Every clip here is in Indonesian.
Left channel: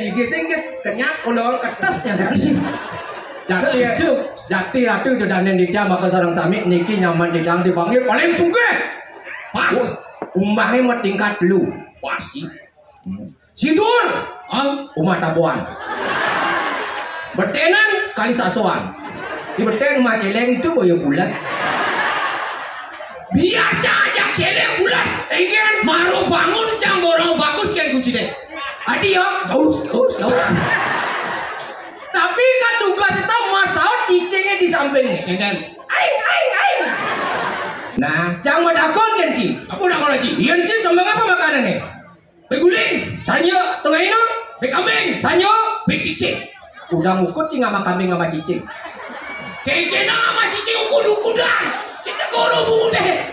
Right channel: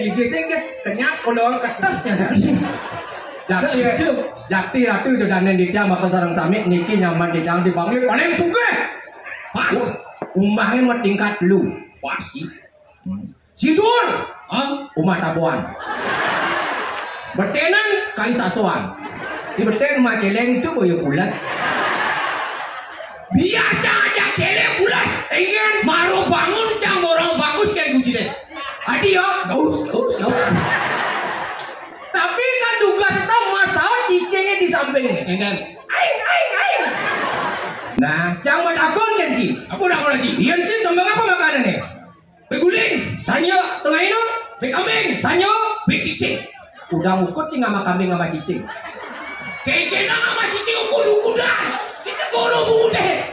gigi sing kenyap ulur ketesnya kan. Jati ratu jodanen dida maka sareng sami niki nyaman didang dipanggil paling sugih. Pas. Umbahnya mau tingkat lu. Pasti. Sidur. Umah tabuan. Betenan kali sasoan. Si beteng mah celeng itu boyo bulas. Biasa aja celeng bulas. Ingin maru bangun cang borong bagus kayak kunci deh. Adi ya. Gaus. Tapi kan tugas tetap masalah cicingnya di sampingnya. Ingin. Aing. Nah, cang mau dakon kan ci? Apa dakon lagi? Iya ci sambang apa makanannya? Beguling. Sanyo tengah ini. Bekambing. Sanyo. Becicing. Udah ngukur cing sama kambing sama cicing. Kayaknya sama cicing ukur dah. Kita kudu deh.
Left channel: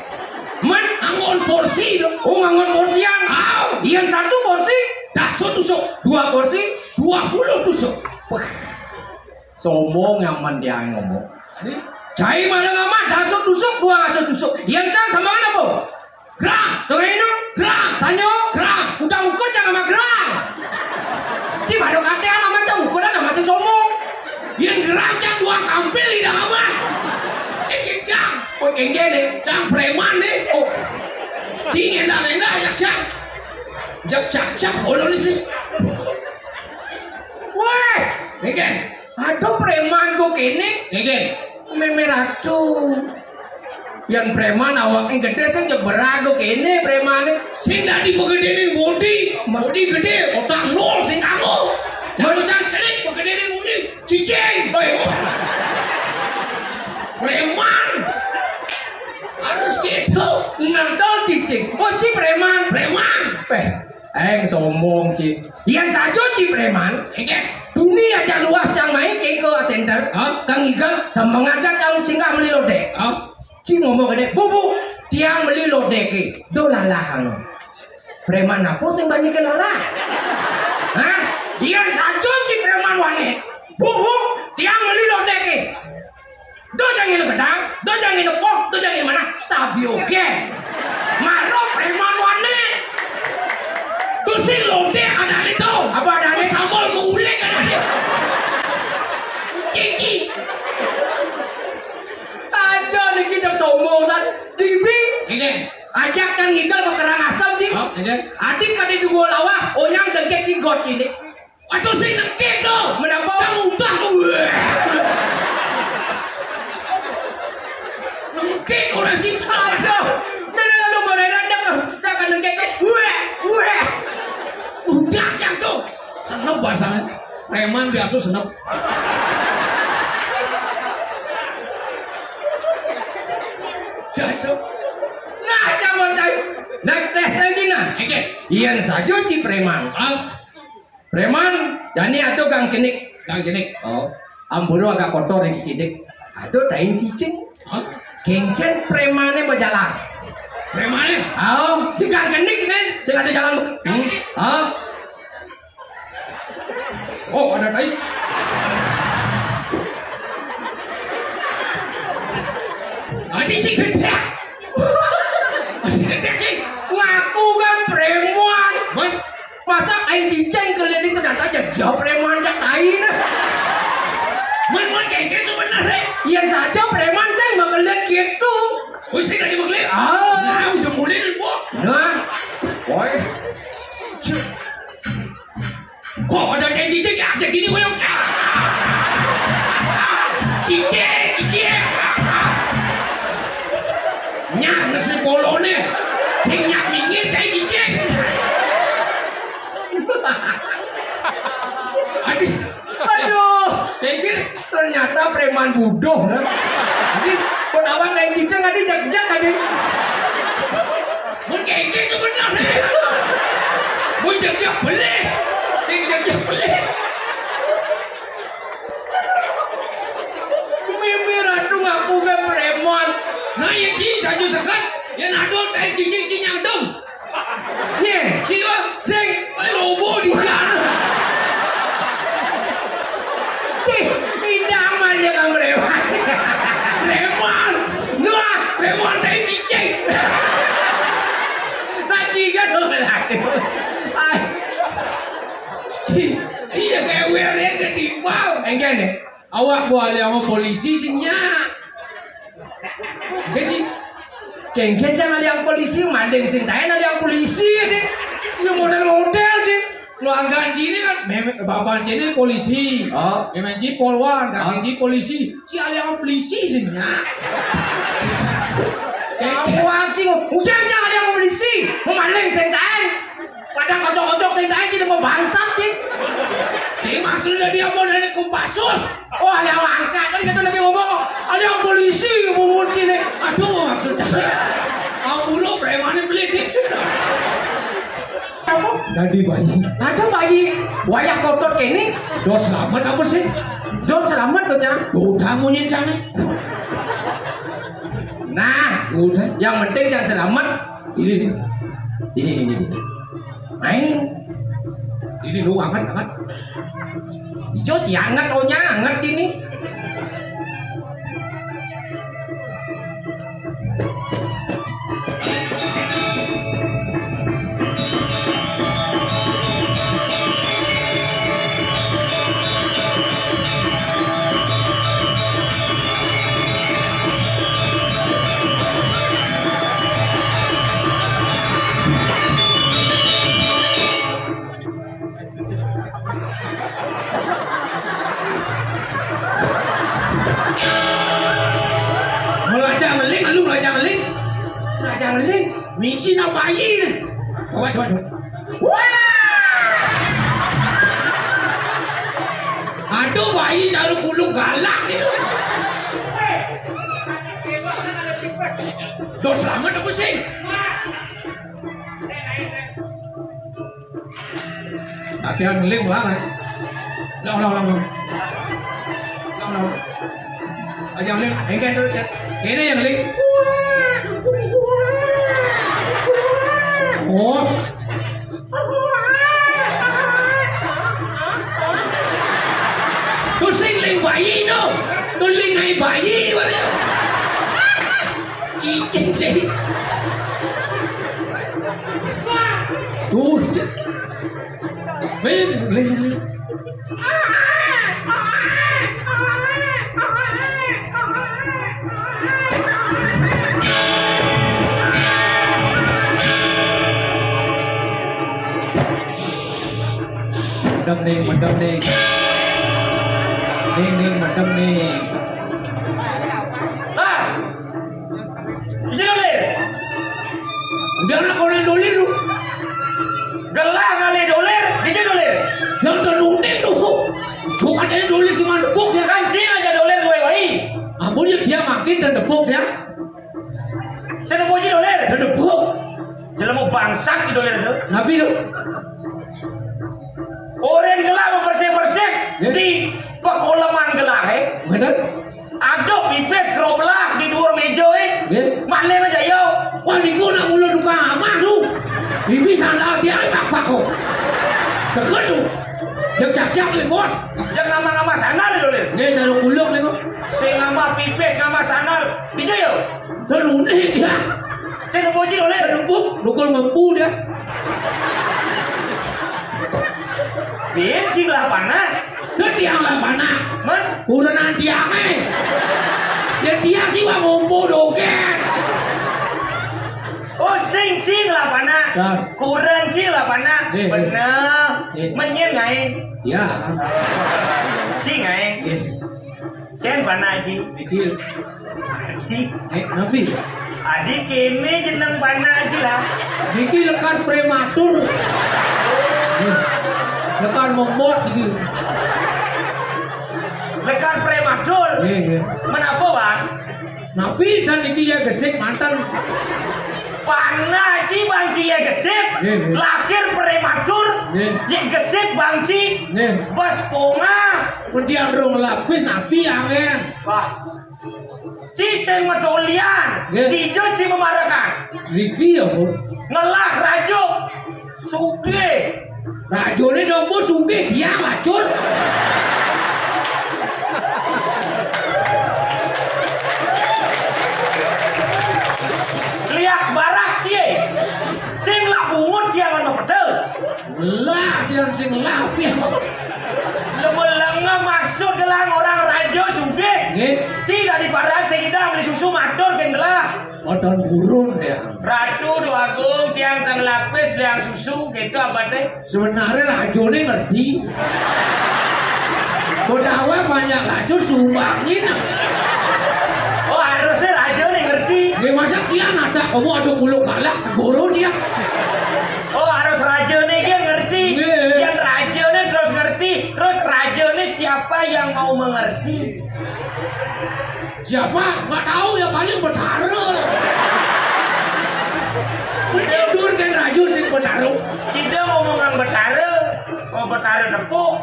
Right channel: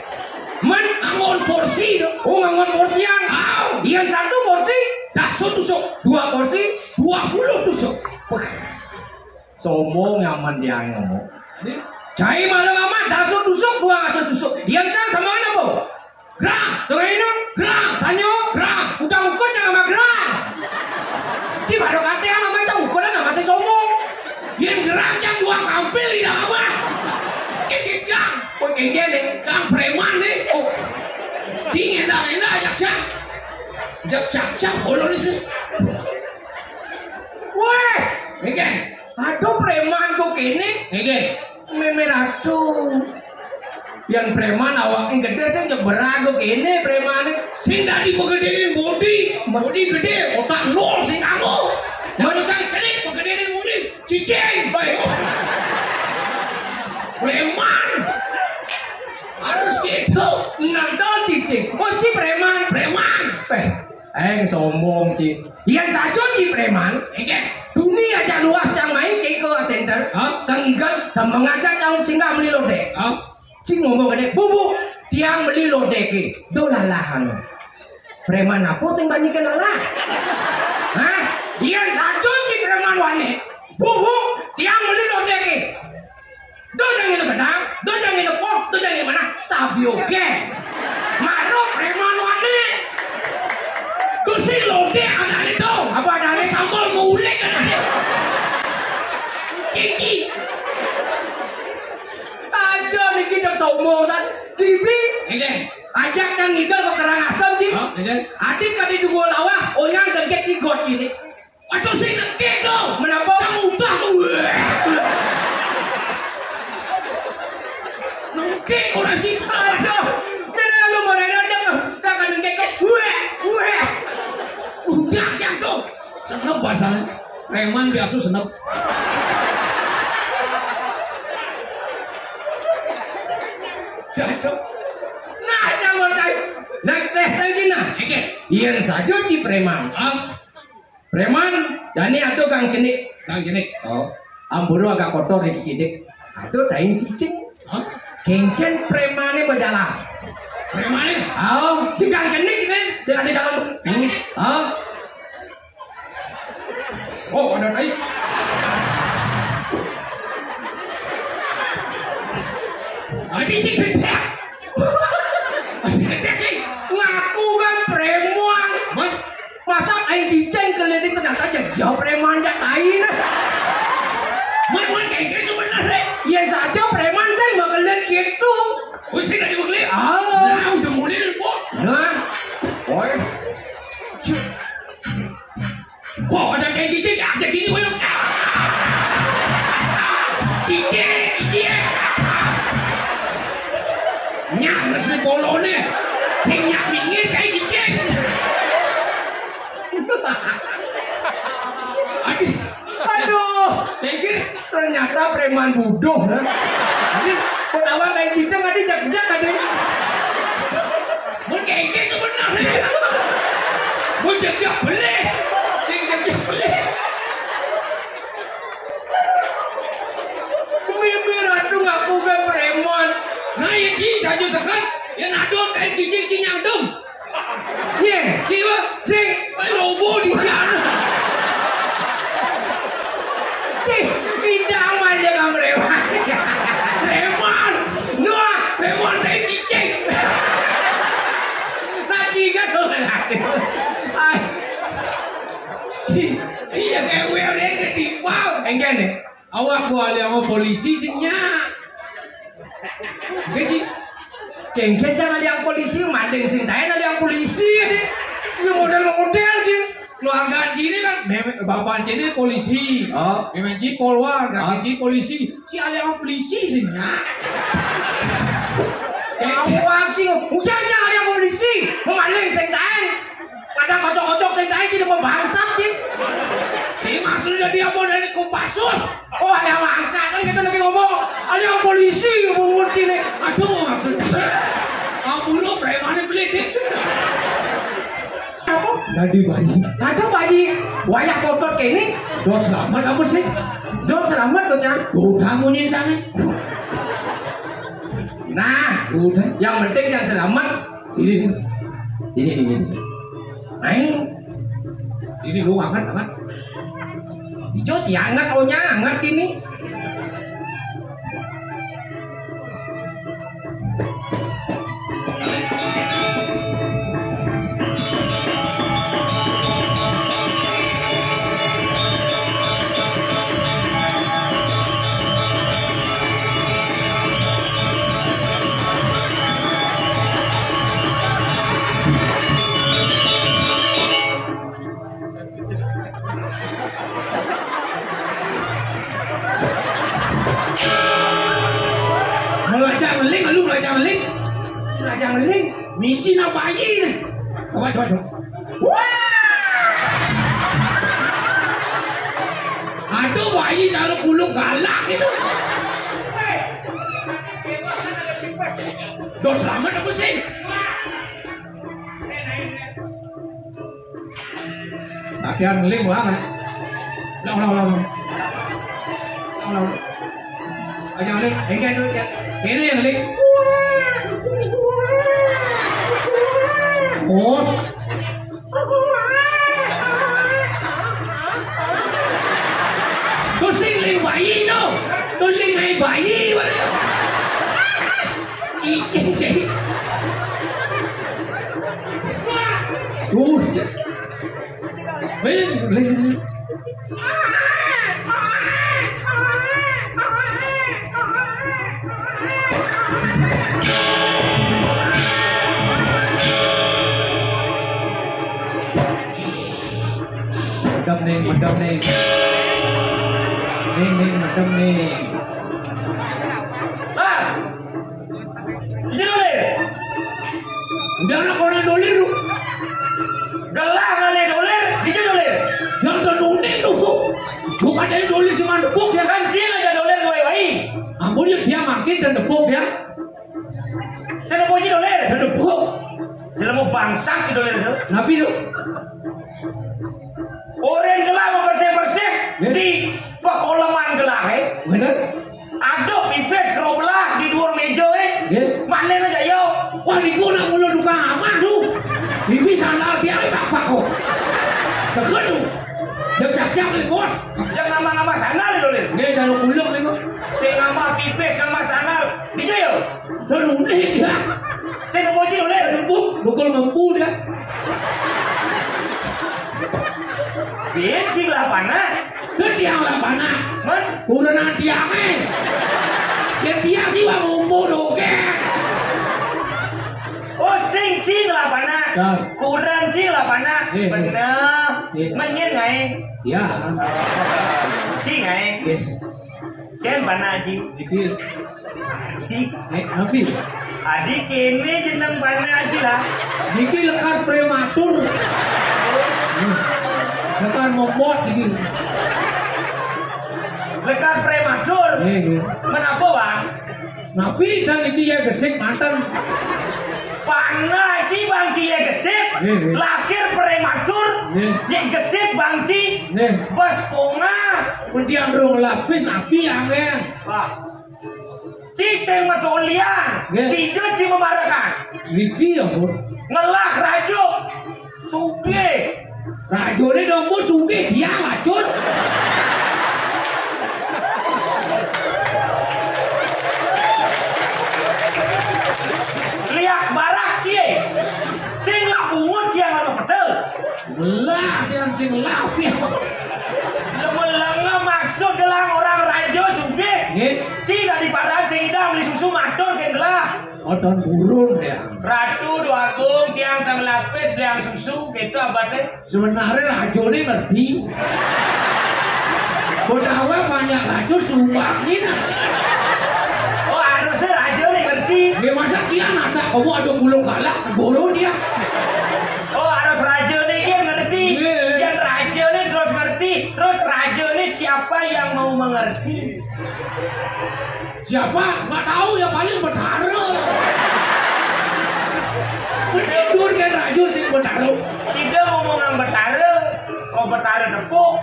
Man angon porsi dong. Oh angon porsian. Yang satu porsi. Daso tusuk. 2 porsi. 20 tusuk. Sombong nyaman dia ngomong. Cai malah amat. Daso tusuk. 2 daso tusuk. Yang kan sama apa? Gram. Tengah ini. Gram. Sanyo. Gram. Udah ngukur jangan sama gram. Si baru katanya namanya ukuran nama si sombong. Yang geraknya 2 kampil tidak apa. Cang. Oh gini. Cang preman nih. Oh. Cing enak ya cang. Jak ulur sih. Wah. Ngen. Aduh preman kok kene. Ngen. Memerah tuh. Yang preman awaknya gede sih jauh berago kene preman nih. Sing tadi begedein body gede, otak nol sing kamu. Jangan jangan celik begedein body, cicing. Preman. Harus gitu. Nonton cicing. Oh ci preman. Sombong ci. Yang saja ci preman. Dunia aja luas yang main ke center. Kang Igal sama ngajak kang singgah melilo dek. Cing ngomong gede, bubu tiang melilo dek. Dolalahan. Preman apa sing banyak lalah? Hah? Yang saja ci preman wangi. Bubu tiang melilo dek. Dojang ini gedang, dojang ini pok, dojang ini mana? Tapi oke. Maro preman wani. Kusi lode ada itu. Apa ada ini? Sambal mulek ada ini. Cici. Aja nih kita sombong kan. Dibi. Ini. Ajak Kang Igal ke Karangasem sih. Adik kadi dua lawah, onyang dengke cigot ini. Aduh sih dengke tuh. Menapa? Kamu udah nengke orang sih aja. Mana lalu modern dah. Tak akan nengke ke. Udah yang tu. Senep bahasanya. Preman biasa senep. Biasa. Nah jangan tak. Nak tes lagi nah. Yang saja si preman. Preman. Jadi atau Kang Cenik. Oh. Amburu agak kotor ni kidik. Aduh tain cicing. Kengken premannya berjalan. Premannya? Di Kang Cenik nih. Sudah di jalan. Oh ada tain. Adi sih gede. Ngaku kan preman. Masa aing cicing keliling ternyata jauh preman jak lain. Man kayak sebenarnya. Yang saja preman saya melihat gitu. Wih sih tadi melihat. Nah udah mulai nih bu. Nah, boy. Kok ada kayak cicing aja gini boy. Cicing. Nyak mesti bolone. Cing nyak minggir kayak cicing. Aduh, ternyata preman bodoh. Ini awak kayak cicing tadi jak-jak tadi. Mungkin ini sebenarnya. Mun jak-jak beli. Cing jak-jak beli. Mimpi ratu ngaku kan preman. Nah yang ci saja sekat. Yang adol kayak cicing yang dong. Ye, siapa? Cing, lobo di sana. Cing, bidang aja kamu preman. Preman kayak cicing. Lagi kan dong lagi. Cing. aku aliamo polisi sing nyak. Oke sih. Geng-geng jangan yang polisi maling sing tae yang polisi sih. Ini model-model sih. Lo angkat sini kan, bapak sini polisi. Oh. Memang sih polwan, kan sini polisi. Si aliamo polisi sih nyak. Aku anjing, hujan jangan yang polisi, maling sing tae. Kadang kocok-kocok sing tae jadi mau bangsat sih. Si maksudnya dia mau dari Kopassus. Oh, ada yang angkat kan kita lagi ngomong. Ada yang polisi bubur sini. Aduh maksudnya. Mau bunuh preman beli dik. Kamu? Jadi bayi. Ada bayi. Wayak kotor kene. Dos selamat apa sih? Don selamat bocah. Udah munyin sana. Nah, Udah. yang penting yang selamat Ini. Nah Ini lu anget anget. hijau jangan ohnya anget ini. Belajar meling. Misi na bayi. Coba. Wah! Aduh bayi jalan kulung galak itu. Dos selamat apa sih? Tapi yang meling banget. Long. Aja meling. Enggak tuh ya. Ini yang meling. Oh. Pusing ling bayi no. Tuling naik bayi mana? Cicing. Meling. Madam nih. Ning madam nih. Ah. Ini dolir. Udah lah kau nih dolir. Gelah kali dolir, dijak dolir. Yang terduning tuh. Cuma dari dolir si mandepuk ya. Kancing aja dolir gue wai. Ampun dia makin dan depuk ya. Saya puji dolir. Dan depuk. Jangan mau bangsak di dolir itu. Nabi lu. Orang gelah mau bersih di pekoleman gelah Bener? Ada pipes geroblah di dua meja Maklum aja yo. Wah niku nak mula duka amat tu. Bibi sandal dia pak kok. Kagak tu. Dia cak ni bos. Jangan nama-nama sandal dolir. Dia jalur uluk ni kok. Saya nama pipes nama sandal di yo. Dia lunih dia. Saya nak puji dolir. Nukul mampu dia. Bencing lah panah. Dia tiang lah panah. Man, Udah nanti amin. Dia tiang sih wah ngompo doken. oh cing lah panah. Ya. Kurang cing lah panah. Benar. Menyengai. Ya. Cingai. Ken panah cing. Dikir. Adik. Nabi. Adik ini jeneng panah cing lah. Dikir lekar prematur. Lekar membot dikir. Lekan prematur. Menapa bang? Nabi dan iki ya gesek mantan. Panah ci bang ci ya gesek. Lahir prematur. Ya gesek bang ci. Bos ponga. Kemudian rong lapis api angen. Wah. Ci sing medolian. Dijo ci memarakan. Riki ya pun. Ngelah rajo. Suge. Rajone dong bos suge dia lacun. Lihat barak cie. Sing lah bungut jangan pedel. Lah dia sing lapis. Lemelanga maksud gelang orang rajo suge. Ci dari parang sing idam beli susu matur kan gelah. Odon burun ya. Ratu do agung tiang kang lapis liang susu gitu abadnya. Sebenarnya rajone ngerti. Kodawa banyak racun sumbangin. Oh harusnya raja nih ngerti. Ya masa dia mata kamu ada bulu galak guru dia. Oh harus raja nih dia ngerti. Yang raja nih terus ngerti. Terus raja nih siapa yang mau mengerti? Siapa? Nggak tahu ya paling bertaruh. Tidur kan raja sih bertaruh. Tidak ngomongan bertaruh. Oh bertaruh tepuk.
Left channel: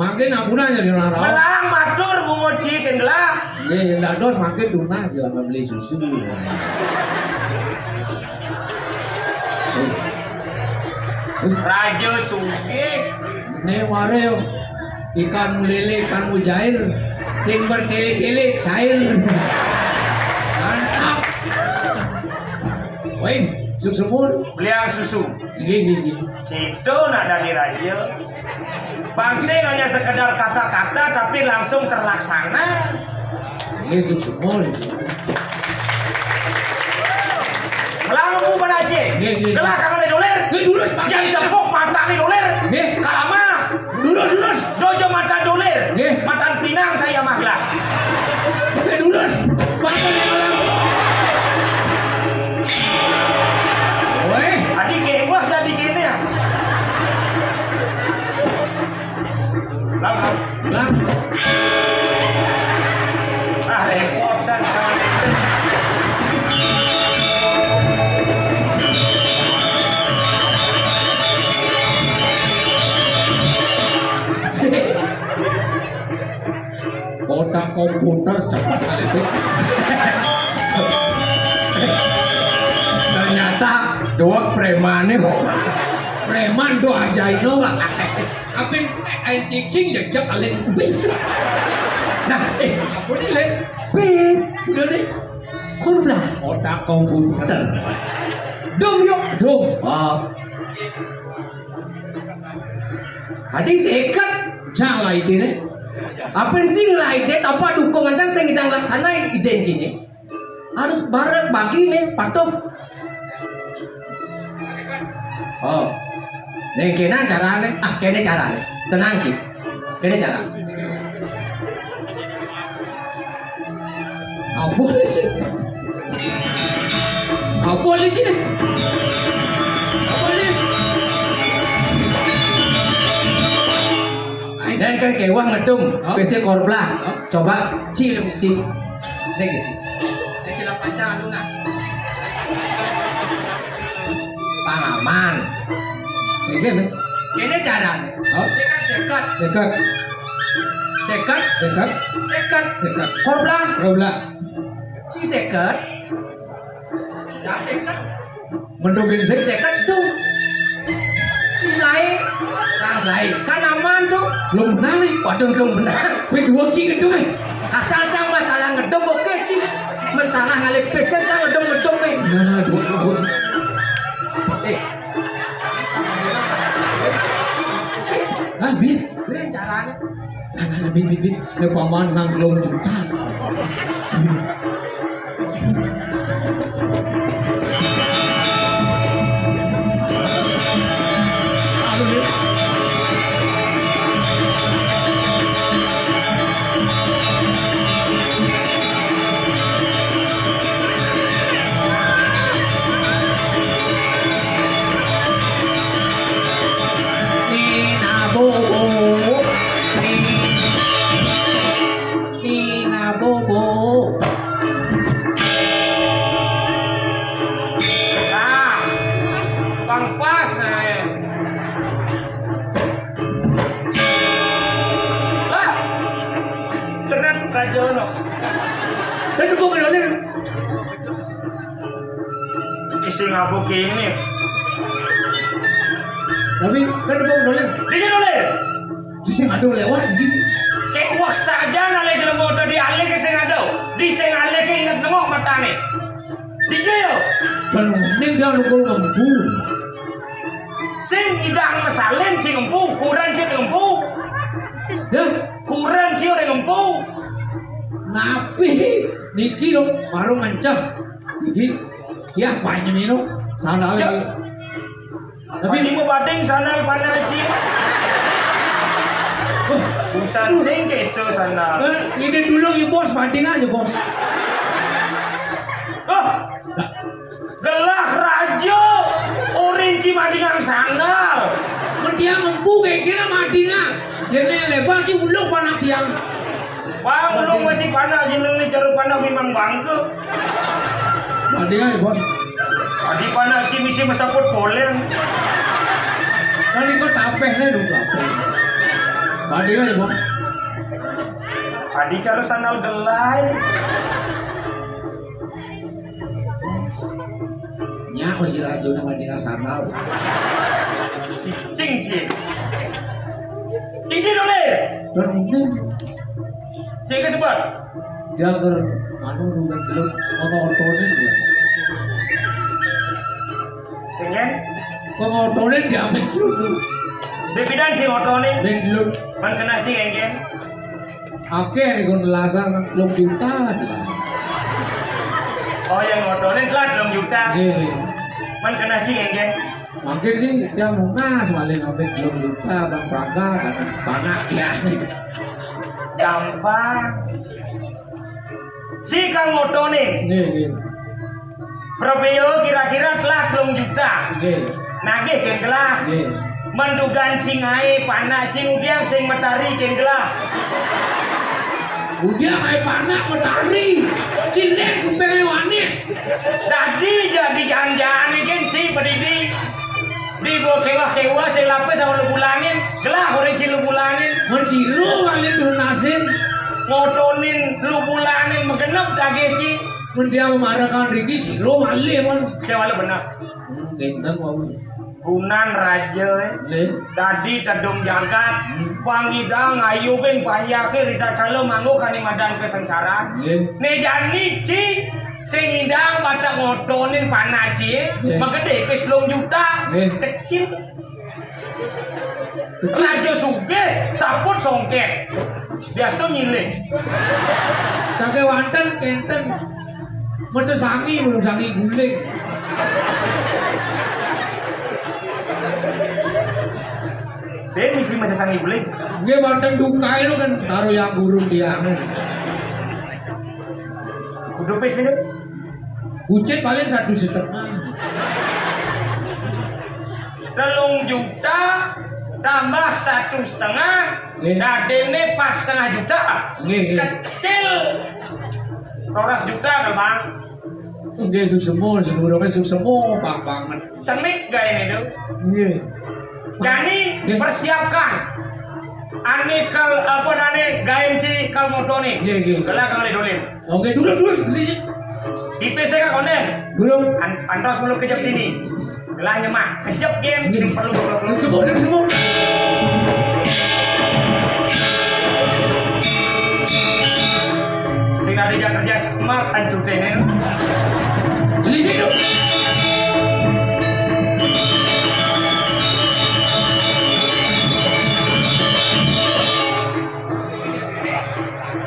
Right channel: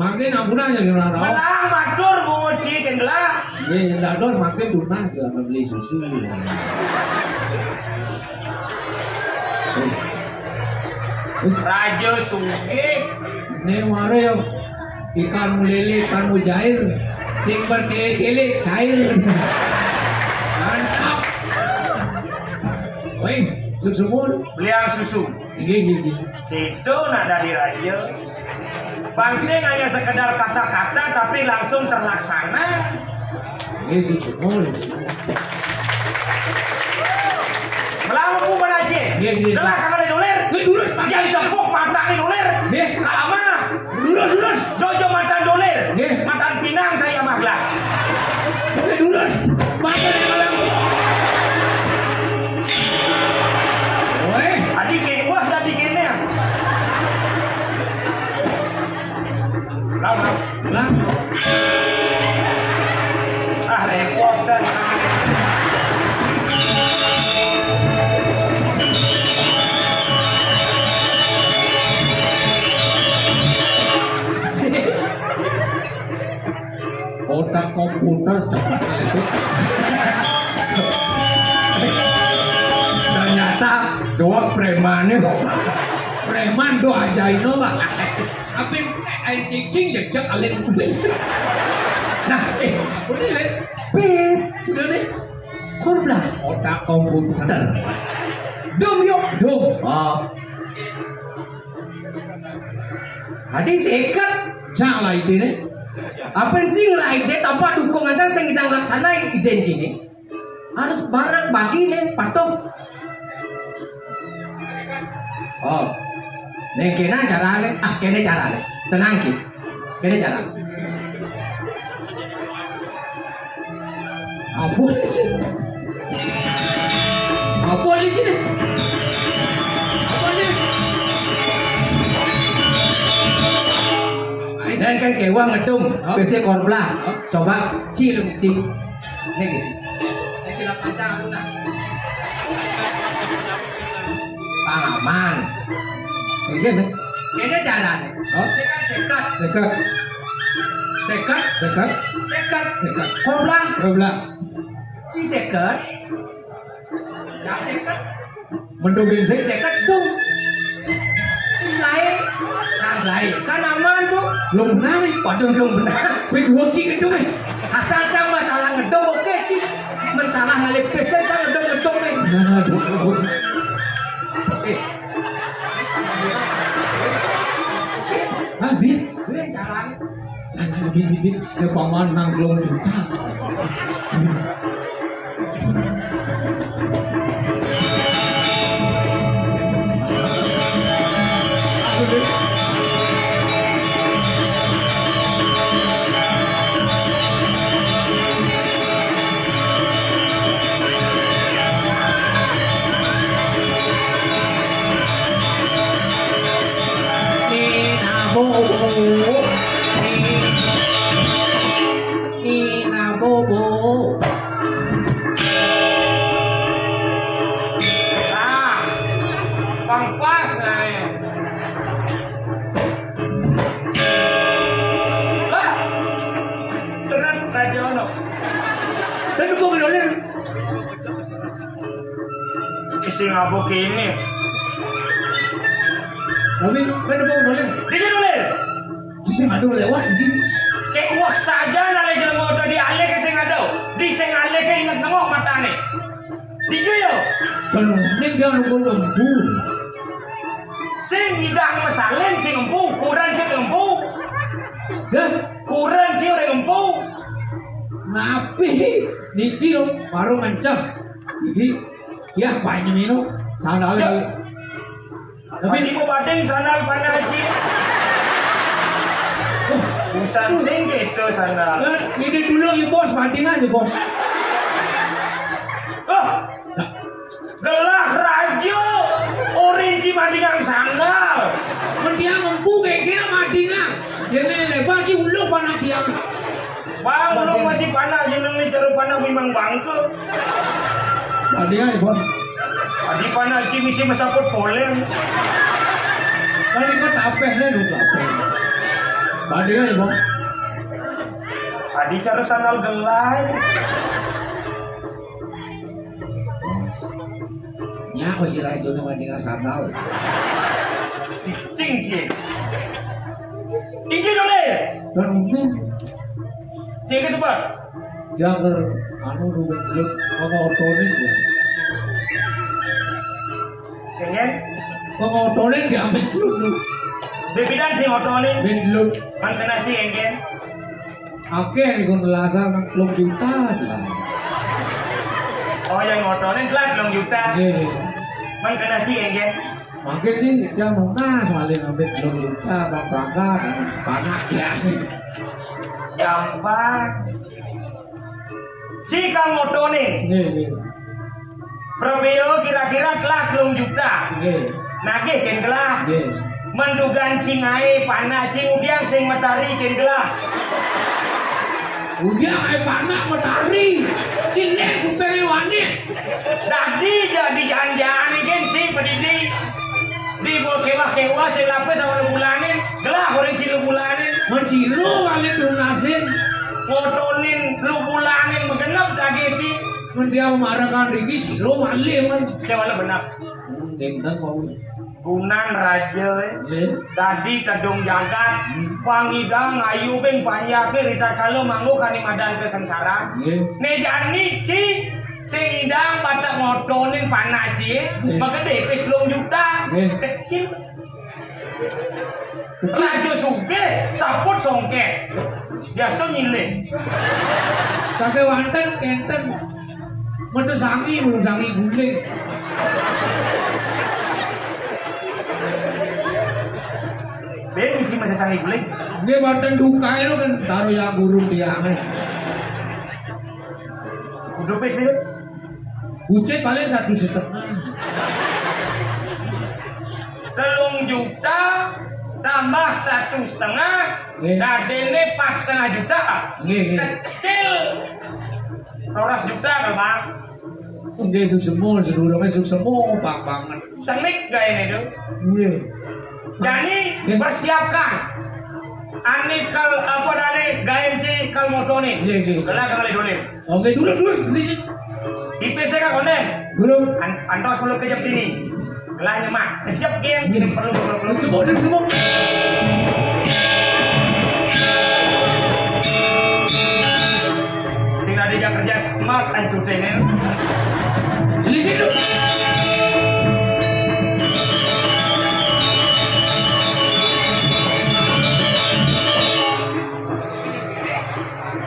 Makin ampun aja di orang. Menang matur bungo cikin lah. Iya, nggak dos makin dunas ya beli susu. Raja sugih. Nih mare yo ikan lele ikan mujair, cing berkele-kele cair. Mantap. Woi, susu mulu. Beliau susu. Gigi. Itu nak dari raja. Bangsing hanya sekedar kata-kata tapi langsung terlaksana. Ini susu mulu. Melampu penaje. Delah kakak doler. Dulu. Yang tepuk mata doler. Kalama. Dulu. Dojo mata doler. Nggih. Matan Pinang saya mahlah. Dulu. Mata doler. Woi, Adi kirim wah dah dikirimnya. Lama. lah. Ah, repot saya. Otak komputer cepat kali bis. Ternyata dua preman nih. Preman do aja itu lah. Apa yang cicing jak kalian bis. Nah, aku nih lihat bis, udah nih. Kurlah otak komputer. Dum yuk, dum. Oh. Hadis ikat salah ide nih. Apa sih lah ide tanpa dukungan kan yang kita laksanain ide ini harus bareng bagi nih patuh. Oh, nih kena caranya, kena caranya, tenang ki, kena cara. Apa sih? Apa sih? Dan kan kewa ngedum, biasanya korplah. Coba cilung isi, nih isi. Saya kira pacar lu nak. Paman. Kayak gini caranya. Oh, sekat. Korplah. Si sekat. Jangan sekat. Mendongeng sekat dong. Lain. Kan aman tuh. Belum benar nih. Waduh belum benar. Gue dua cik gedung nih. Asal jangan masalah ngedong oke cik. Mensalah ngalih pesnya jangan ngedong nih. Nah, dua. Bit. Gue caranya. Bit. Gue paman nganglong juga. Isi ngabuk ini. Tapi kan ada bau doler. Bisa doler. Bisa ngadu lewat gitu. Kayak wah saja nalai jalan motor di alih ke sing ada. Di sing alih ke ingat nengok matane. Di jayo. Dan ini dia nunggu mampu. Sing idang masalin sing empu, kurang sing empu. Ya, kurang sih orang Napi niki lo baru ngancah. Niki dia banyak minum sandal lagi. Tapi ini mau bading sandal mana sih? Busan sing gitu sandal. Ini dulu ya bos banding aja bos. Gelah rajo orange madingan sandal. Dia mampu kayak gini madingan. Yang lebar sih ulung panak dia. Bang, ulung masih panas, jeneng nih cara panas memang bangke. Banding aja bos. Adi panas sih misi mesaput boleh. Kan ikut tapeh nih dulu tapeh. Banding aja bos. Adi cara sandal gelai. Nya masih rajo nama dia sandal. Cicing cing. Iji dulu. Dan ini Cing ke sebar. dia ker anu dulu otonin dia. Kengen? Otonin dia ambil dulu. Bebidan sing otonin. Ben dulu. Man kena sing kengen. Oke, ikut lasan 20 juta lah. Oh yang otonin telah 2 juta. Iya. Man kena sing kengen. Makin sih dia mungas paling ambil 20 juta bang bangga panak ya. Gampang. Si kang otonin. Iya. Probeo kira-kira telah 2 juta. Iya. Nagih ken gelah. Iya. Mendugan cing ae panah cing udiang sing matahari ken gelah. Udah kayak panak matahari. Cilek kupele wanit. Dadi jadi jangan-jangan gen si pedidi. Di bo kewa-kewa sing lapis sama bulanin. Gelah goreng si bulanin. Menciru kalian donasin. Ngotonin lu bulanin megenep dage si. Dia memarahkan Riki siro wale man. Jangan benar. Genten mau. Gunan raja tadi tedung jagat pangidang ayu ben panyake rita kalau manggo kani madan kesengsara ne jani ci sing idang batak ngotonin panaci magede ke 10 juta kecil raja suge saput songke bias tuh nyile Sake wanten kenten mesti sangi belum sangi guling. Ben isi masih sangi guling. Nggih wanten duka itu kan taruh yang gurung dia. Kudu sih. Kucing paling 1,5 juta. 3 juta tambah 1,5 dadene 4,5 juta. Kecil. 12 juta kan bang. Nggih susemo sedurunge susemo bang banget. Cenik gak ini tuh? Nggih. Jadi persiapkan. Ane kal apa ane gaem si kal motone. Nggih. Kala kembali dolin. Oke dulu beli. IP saya konden. Dulu. Antos belum kejap ini. Gelah nyemak kejap game sing perlu Semua. sing ada yang kerja sama kan cutenir. Beli situ.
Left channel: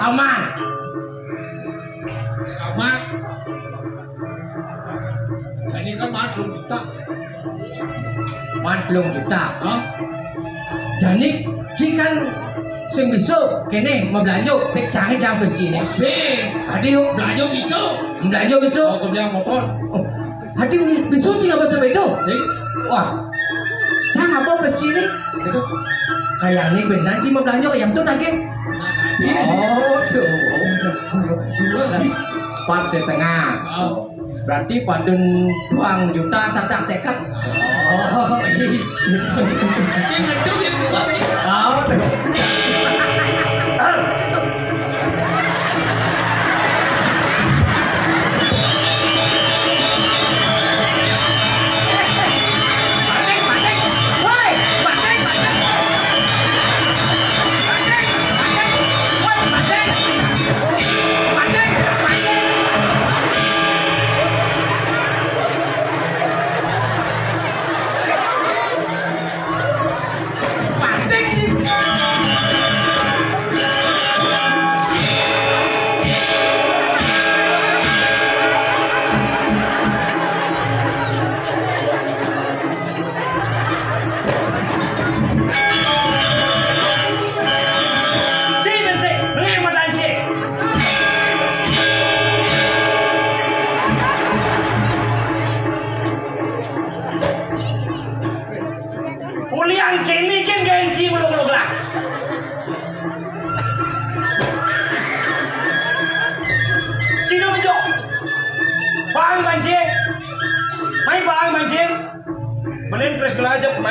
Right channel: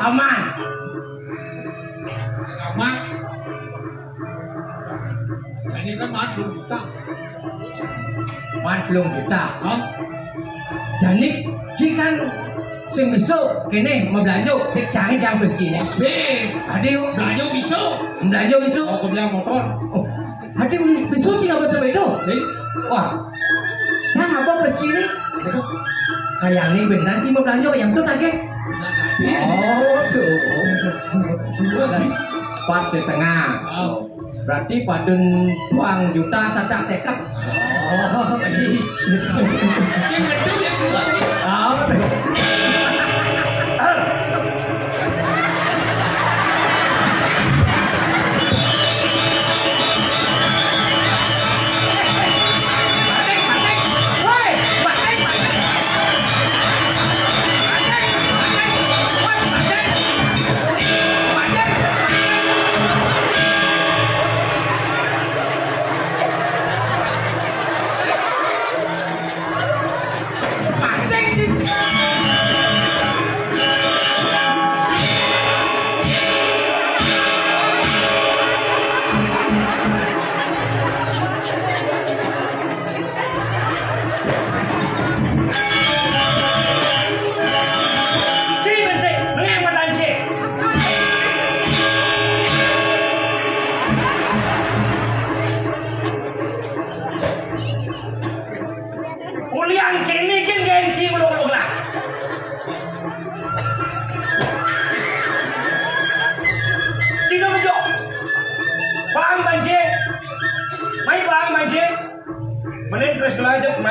Aman. Ini kan 40 juta. 40 juta. Hah? Jadi jikan sing besok kene mau belanja sing jangan besok ini. Sing. Hadi yuk Belanja bisa. belanja besok. Mau kerja motor. Oh, hadi besok sih apa sampai itu? Sing. Wah, jangan apa besok ini. Itu. Kayak ini benar sih mau belanja yang tuh lagi. Oh, tuh. 4,5. Oh. Berarti padun 2 juta sadak sekat. Oh, Yang meduk yang dua nih. oh.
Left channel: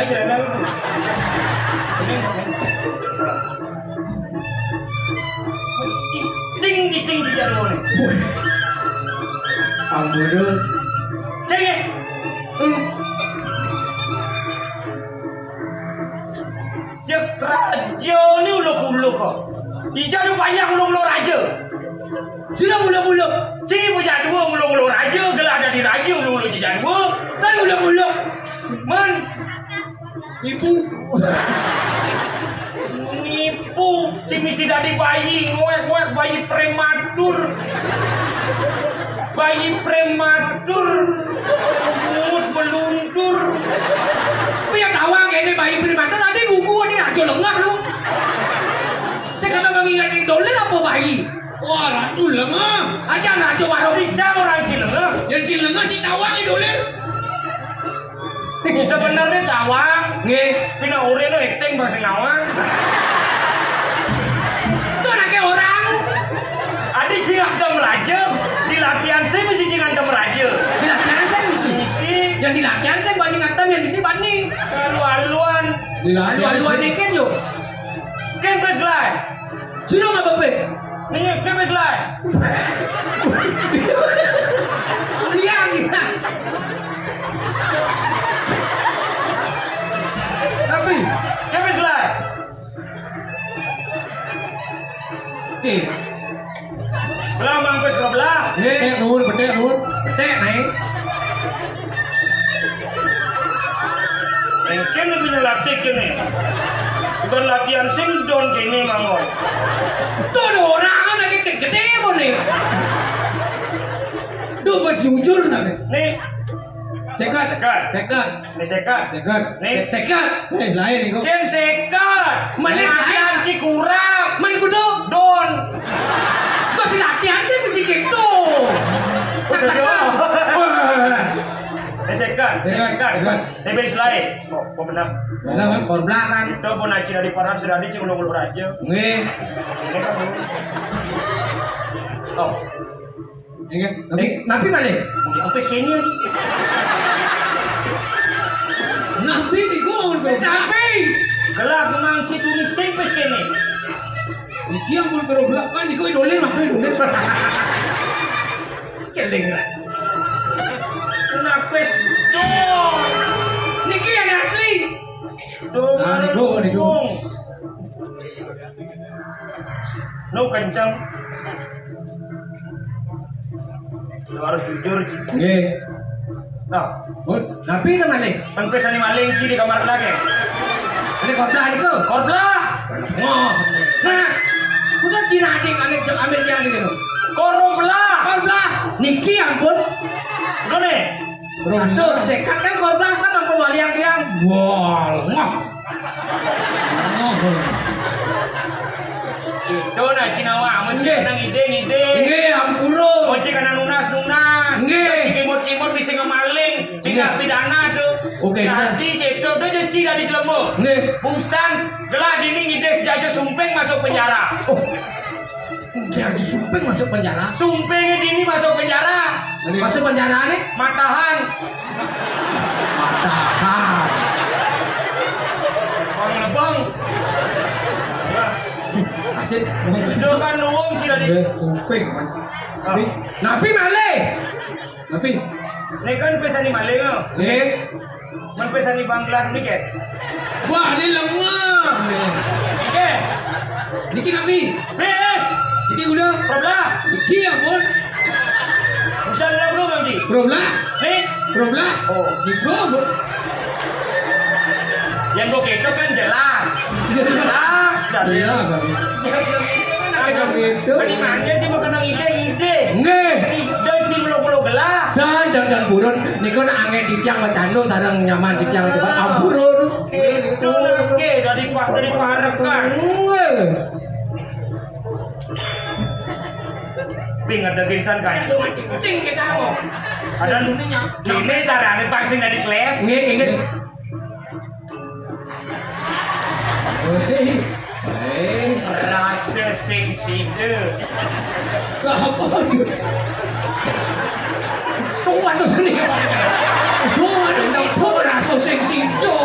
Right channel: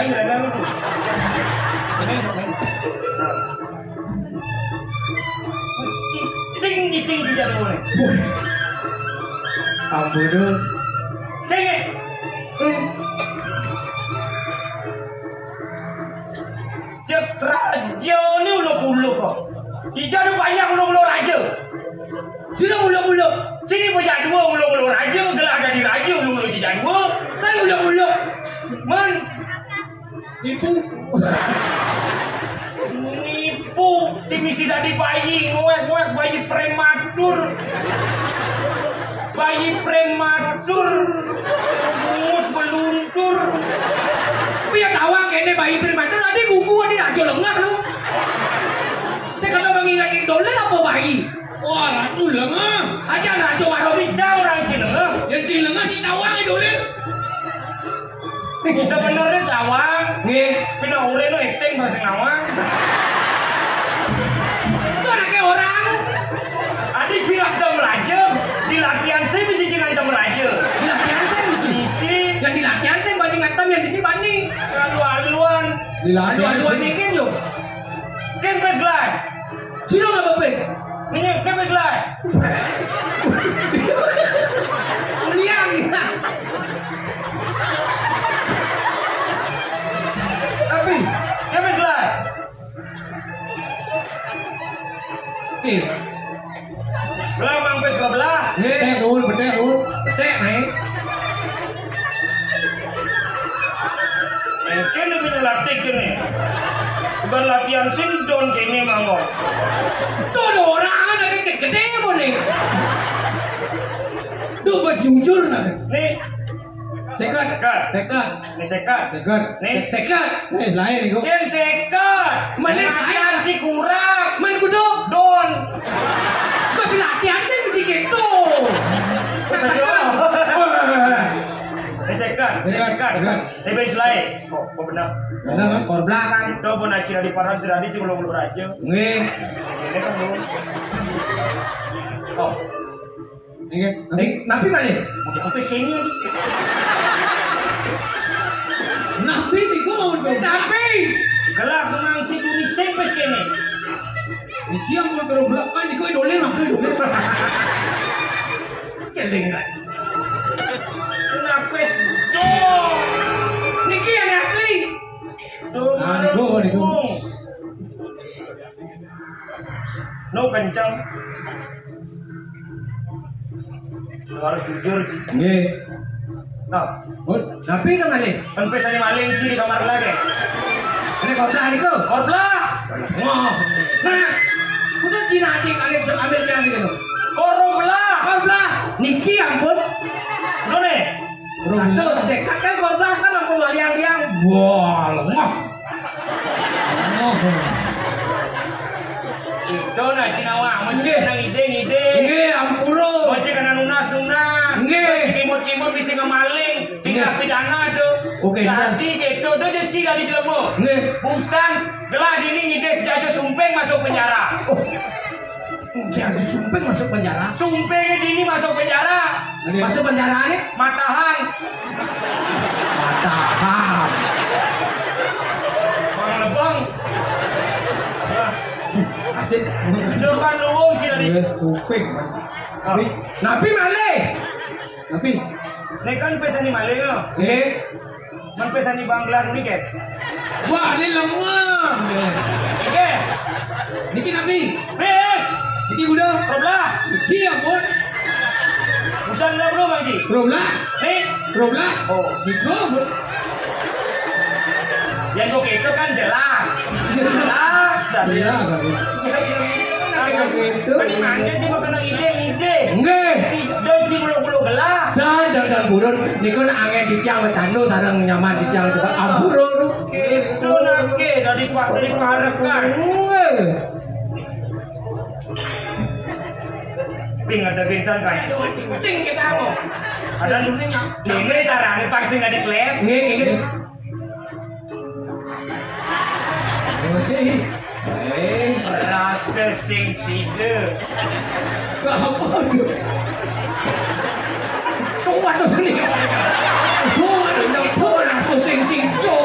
lagi lah. Ini. Cing jadul nih. Ampun. Cing. Cek raja ni uluk-uluk kok. Ija lu banyak uluk-uluk raja. Sila uluk-uluk. Cing punya dua uluk-uluk raja, gelah ada di raja uluk-uluk cija dua. Kan uluk-uluk. Man. Ibu. Nipu, cing misi dari bayi, ngoek-ngoek bayi prematur. Bayi prematur. Bungut meluncur. Tapi yang awang ini bayi prematur nanti kuku ini raja lengah lu. Saya kalau mengingat idolen apa bayi? Wah, ratu lengah. Aja raja warung. Bicara orang Cilengah. Yang si lengah si tawang idolen. Sebenarnya tawang. Nggih. Pina ure lo acting bahasa ngawang. Itu anaknya orang. Ada jinak dong raja. Di latihan saya mesti jinak dong raja. Di latihan saya misi. Isi. Yang di latihan saya banyak ngatam yang ini bani. Alu-aluan. Alu-aluan dikit yuk. Kempes lah. Sudah nggak bebes? Nih kempes lah. Liang kita. Tapi, Kempes lah. oke. Belah mampus ke belah. Petek nuhun. Tek nih. Mungkin lu punya latih kini. Bukan latihan sindon kini manggo. Tuh ada orang kan lagi gede pun nih. Duh, mas jujur nanti. Nih, Sekat. Sekat. nih sekat. Nih, Sekat. Lain itu. Ken sekat. Mana Latihan saya? cikurang. Main kudu. Don. Kau di latihan kan mesti gitu. Sekat. Lebih lain. Kok benar? Benar kan? Kor belakang. Itu pun nak cira di paran sedari cing ulur aja. Nggih. Ini kan dulu. Oh, Ingat. Napi balik. mungkin kompes kini lagi. Nabi di gua Napi. Gelap memang citu ni sempes kini. Iki yang mau gerobak kan di gua idolen mah idolen. Celing lah. Kenapa don? Niki yang asli. Tuh, Niku. No kencang. Lu harus jujur. Nggih. Nah, Napi ke balik. kompes ani maling sih di kamar lagi. Ini kor belakang itu. Korbelah. Oh. Nah. Udah Cina adik ambil yang gitu. Korbelah. Kor belakang. Niki ampun. Udah nih. Tuh sekat kan kor belakang kan apa liang-liang. Wah, lengah. Itu nah Cinawa, mesti Nggih. kenang ide. Nggih, ampun. Mesti kena lunas. Nggih. Mesti kimut bisa ngemaling. Tinggal Nggih. pidana tuh. Oke, Jadi itu udah jadi dari jelemu. Nggih. Busan gelah dini ngide sejajo sumpeng masuk penjara. Oh. Dia disumping masuk penjara. Sumpengnya dini masuk penjara. Masuk penjara nih. Matahan. Matahan. Bang lebang. Ya. Asik. Depan luwung sih dari. Suping. Oh. Napi malih. Tapi Ini kan pesan di Malaysia. ya. Nggih. Man pesan di Bangla ni kan. wah ini lemah. Oke. Niki Nabi. Bes. Niki udah. Roblah. Niki ampun. Busan lah bro Bang Ji. Gerobak. Nih. Gerobak. Oh. Niko. Yang gue itu kan jelas. Jelas dah. Iya, sorry. Kayak gitu. Peningannya dia makan ide. Nggih. Ci bulu-bulu gelah. Dan burun niku nek angin ditiang wis anu sareng nyaman ditiang coba amburun. Itu nake dari parekan. Nggih. Ping ada gensan kacau. Penting kita mau. Ada dunia. Ini cara ane pasing dari kelas. Nggih, nggih. Rasa sing sida. Wah, apa? Kuat tu sini. Kuat rasa sing situ.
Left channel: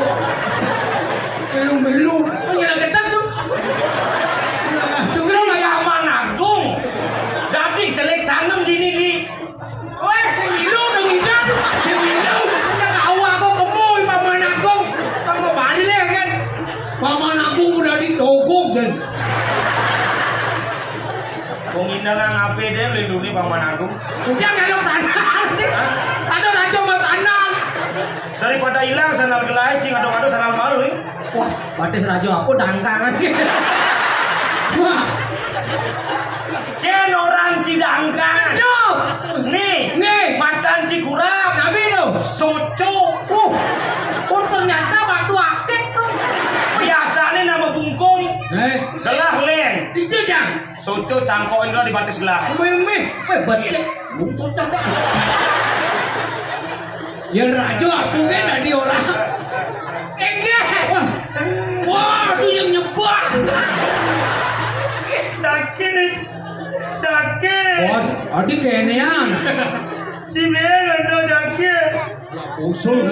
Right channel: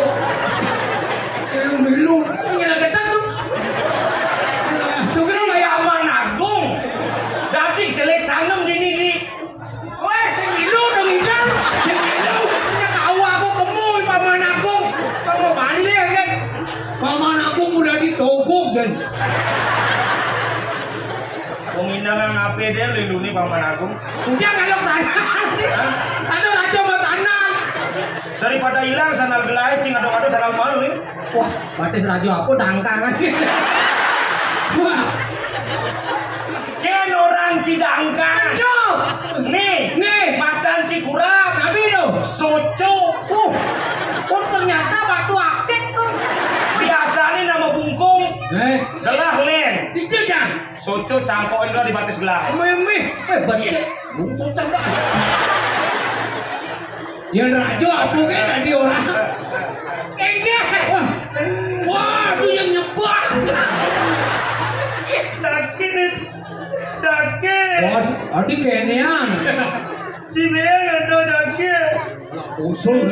Wong inang ngape dia lindungi Paman Agung. Udah ngelok sana. Aduh rajo mas anan. Daripada hilang sandal gelai sing ado-ado sandal baru nih. Wah, batis rajo aku dangkangan. Wah, Ken orang Cidangkan. aduh. Nih, matan Cikurap. Tapi itu. Soco. Ternyata waktu aktif tuh. Biasanya nama bungkung. Gelah len. Dijil jang. Soco cangkokin lah di batas gelah. Mimih, becek. Bungkung cangkok. Ya rajo aku kan tadi orang. Enggak. Wah, itu yang nyebar. Sakit. Bos, tadi kayaknya. Cibeng ada sakit. Usul.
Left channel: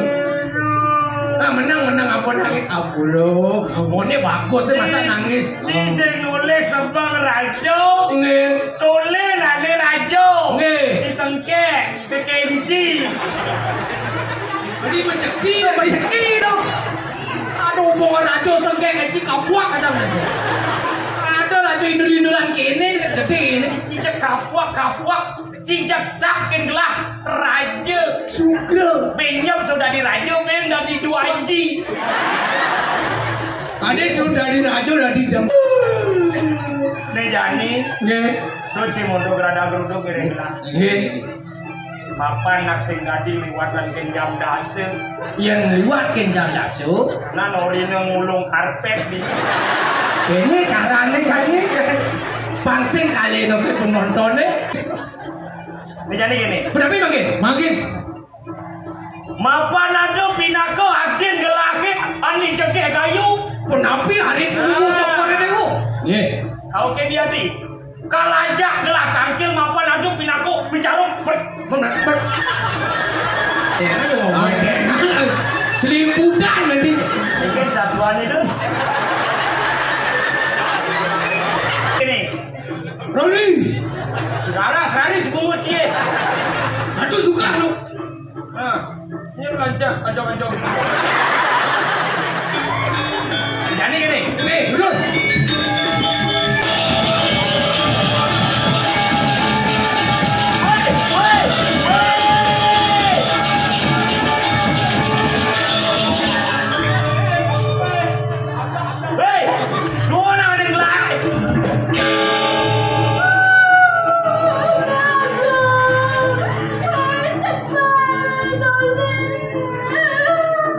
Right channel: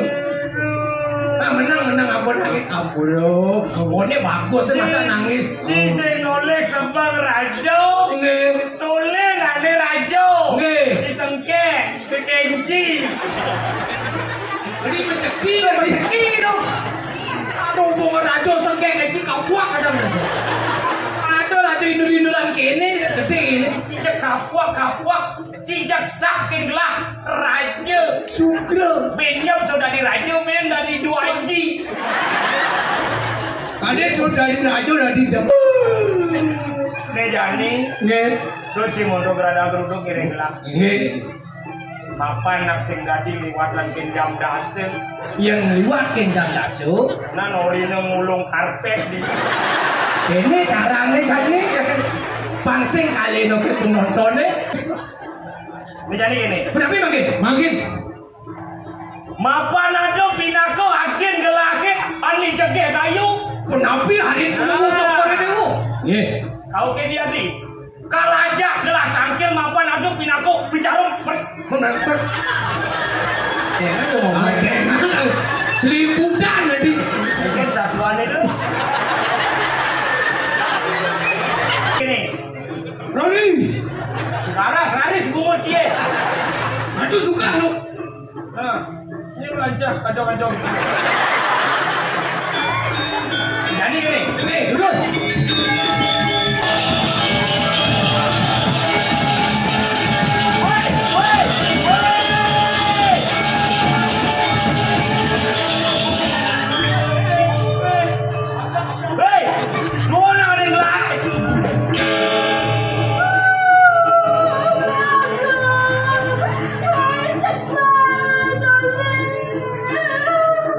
Menang apa nangis apa lo? Ini bagus masa nangis. Cise ngolek sebang rajo. Nggih. Tole nane rajo. Nggih. Disengke, kekenci. Ini rezeki. Itu. Aduh, bunga rajo sengkek itu kapuak ada mas. Ada rajo indur-induran kene gede ini. Cijak kapuak. Cijak sakin gelah rajo. Sugro. Benyam sudah di rajo, ben dari 2 ji. Ade sudah di rajo udah di dem. Nih jani, Nggih. suci untuk gerada geruduk ini gelah. Nggih. Papan nak sing dadi liwatan kenjam dase. Yang liwat kenjang dasu. Nah norine ngulung karpet di. Kene carane jane. Pansing kali no ke penontonnya. Nih jani gini. Berapa makin? Mapan ada pinako agen gelake ani jege kayu. Penapi hari dulu sore dulu. Nggih. Kau ke dia di. Kalajak gelah kangkil mapan ada pinako bicara Benar. Ya, aduh. Seliputan jadi. bikin satuan itu. Ini. Roni. Saudara sebumut cie. Aku suka lu. Nah, ini lancar kacau. Jadi gini. Nih, duduk. Hei, dua orang yang lain.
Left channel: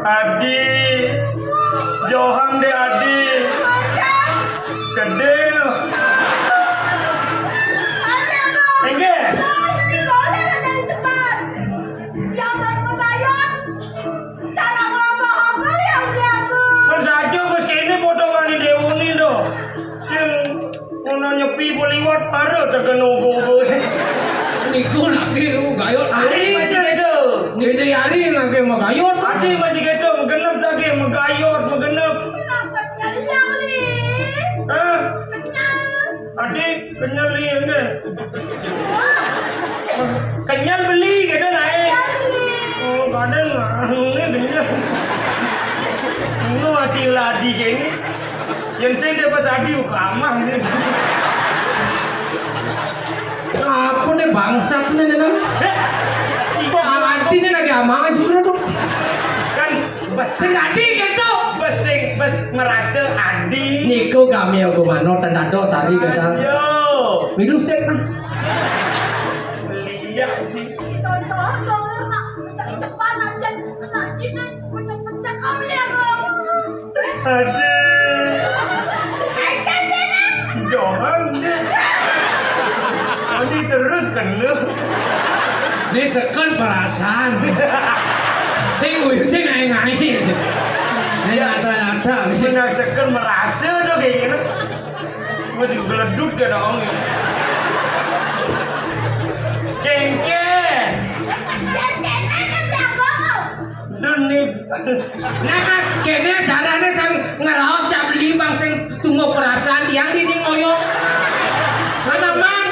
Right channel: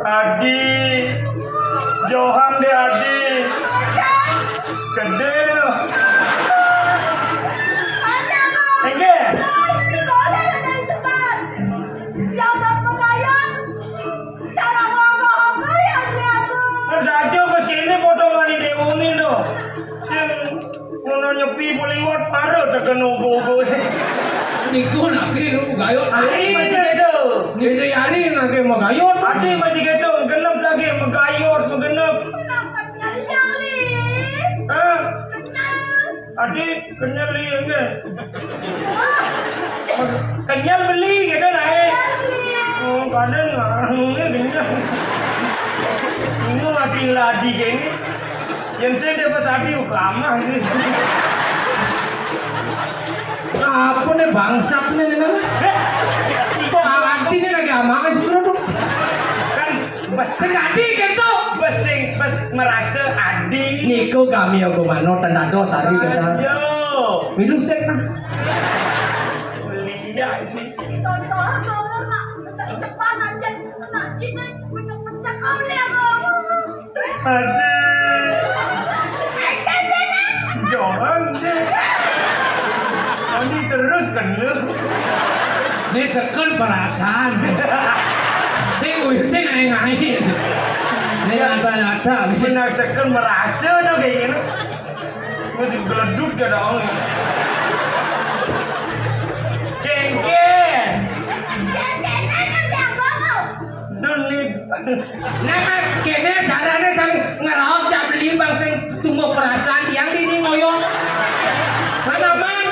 Adi, Johan de Adi, Kedel, Ege, Mensajo bos kini foto kan di Dewuni do, sing ngono nyepi beliwat paro tekan ugo. Niku lagi lu gayot. Adi masih gitu, Gede hari lagi mau gayot. Adi masih gitu, genep lagi megayot menggenep. Adi kenyal liye, kenyal beli gitu naik. Oh kadang ini kenyal. Ini adi ladi gini, yang saya dia pas adi ukamah sih. Apa nih bangsat sih nih namanya? Cibok Awati nih lagi amang sih bro. kan bas Senadi gitu. bas merasa adi. Niku kami aku mano tandado sari kata. Yo, Milu sep nah. lihat sih. Adi. Johan deh. Adi terus kan lu. Ini sekon perasaan. Saya ngai. Ini rata-rata nih. Ini seker merasa dah kayak gini. Masih geledut ke dong. Kengken. Duni. Nah, kene carane sang ngeraos jak beli bang sing tunggu perasaan tiang ini ngoyot. Sama man.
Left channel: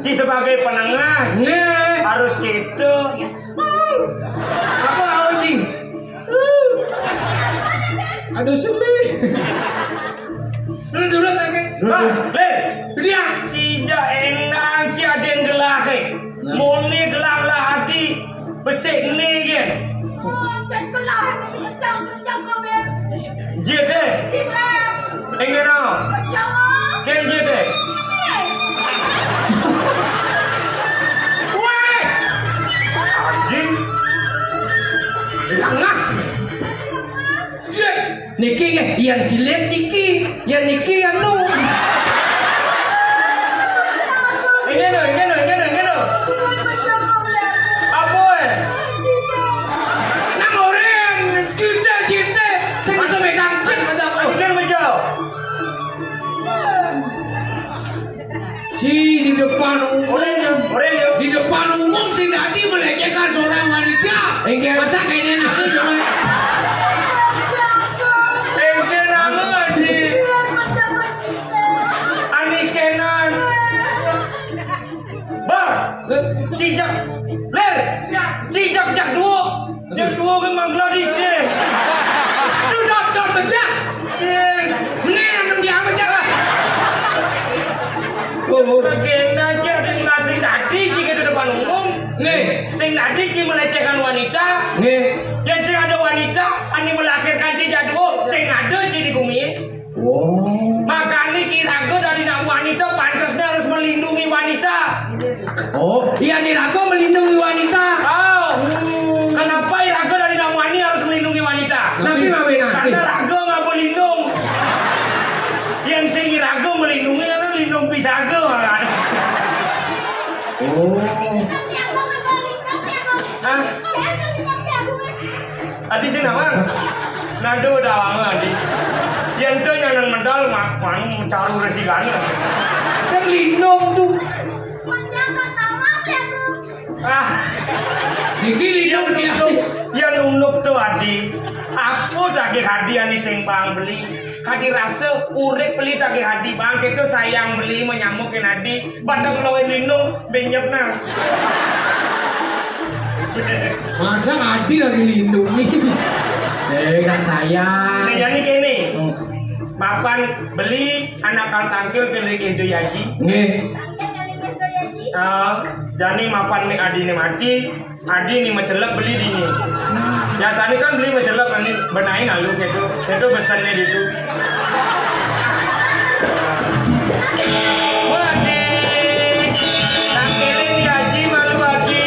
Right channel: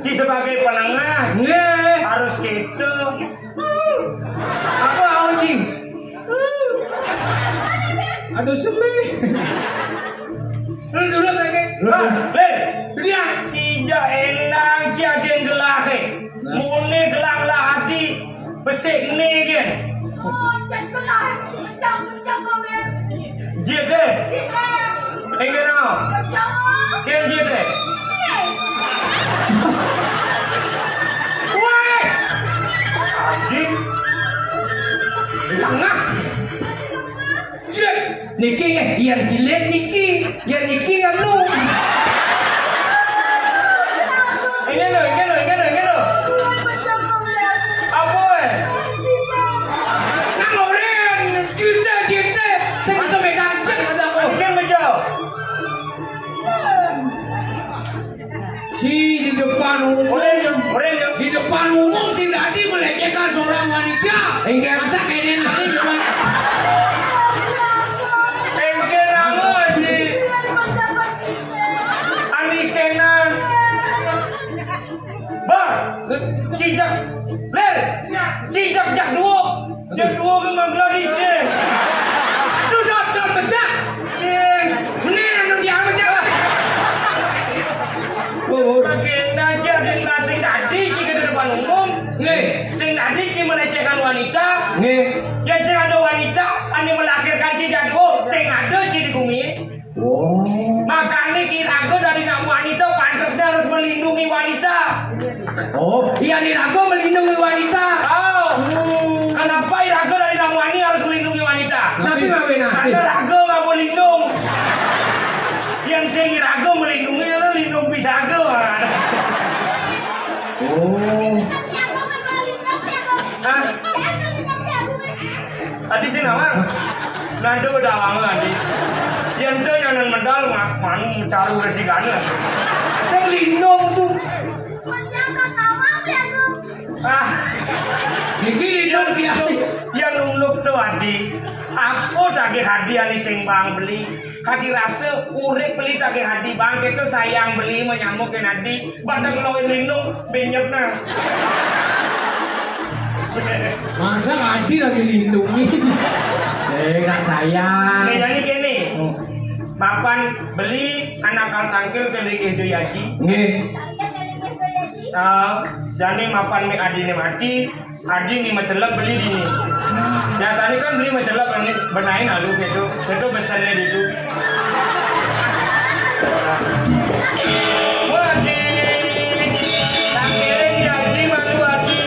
Si sebagai penengah Nggih. harus gitu. Apa anjing? Aduh semih. Lu dulu lagi. Len. Dia. Si Inja enang si aden gelah mone gelah lah adi besek ne gen Chat belah macam kau ber. jete Cik. engena Macam. ken jete Woi, adi langah. Cek, niki yang silet niki, yang niki yang lu. engena Macam kau ber. apa Nang oren, cita, saya bisa megang cek kata aku. adi kan macam Si di depan umum, orang di depan umum si Dadi melecehkan seorang wanita. Enggak masa kayaknya nanti coba. engena adi Macam macam. ani kenan bang cijak ler cijak jak dua yang dua memang gadis Duduk pecah. Bener anu dia pecah. bagian aja dan masing tadi jika di depan umum Nih, sing tadi sing melecehkan wanita nih. yang sing ada wanita ane melahirkan cijak dua sing ada ci di bumi Oh, makanya kiraga dari nak wanita pantasnya harus melindungi wanita iya nih aku melindungi wanita. oh kenapa iraga dari nak wani harus melindungi wanita Tapi Mami nanti. karena raga nggak mau lindung yang sing iraga melindungi harus lindung pisaga orang Oh, Tapi aku nggak balik. Tapi aku. Hah? Tapi aku. Adi sih nama nado dawang adi yang tu yang nang medal mak mau cari resigana saya lindung tuh. Macam nama aku. ah Niki lidung dia. yang nunuk tu adi apa daging hadiah ni sing bang beli kaki rasa urip beli daging hadi bang itu sayang beli menyamukin adi batang lawan lindung banyak nah Masa Adi lagi lindungi. Saya sayang. nih jadi gini Oh, mapan beli anak kal tangkil kiri itu yaji Nggih. Tangkap kali gitu ya Ci. jadi mapan nih adi nih mati adi nih mencelak beli di nih biasanya kan beli mencelak benain lalu gitu besannya gitu oh adi tangkilnya di haji malu adi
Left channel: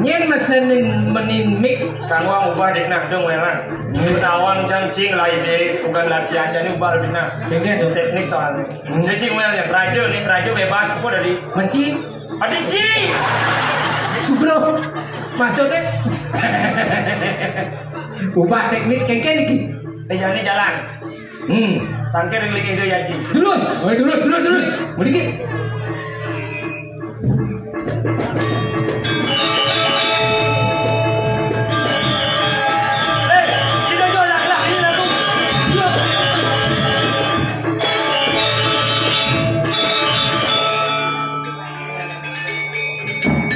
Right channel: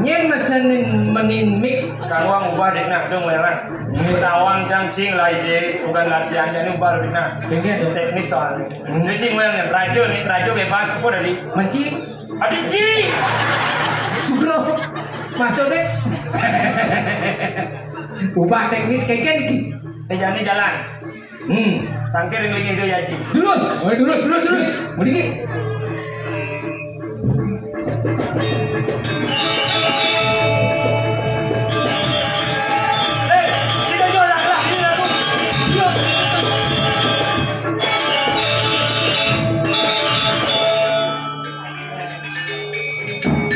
Nyen mesenin menimik. kamu ang ubah di nak dong lah tawang cangcing lah ide bukan latihan jadi ubah di nak Bengket. teknis soalnya ini sih mulai rajo bebas apa dari Menci. adi ci Subro. Maksudnya. Ubah teknis kayaknya niki. jadi jalan tangkir yang lagi itu ya ci Terus. Oh, terus. Mending. sino yo lah ini aku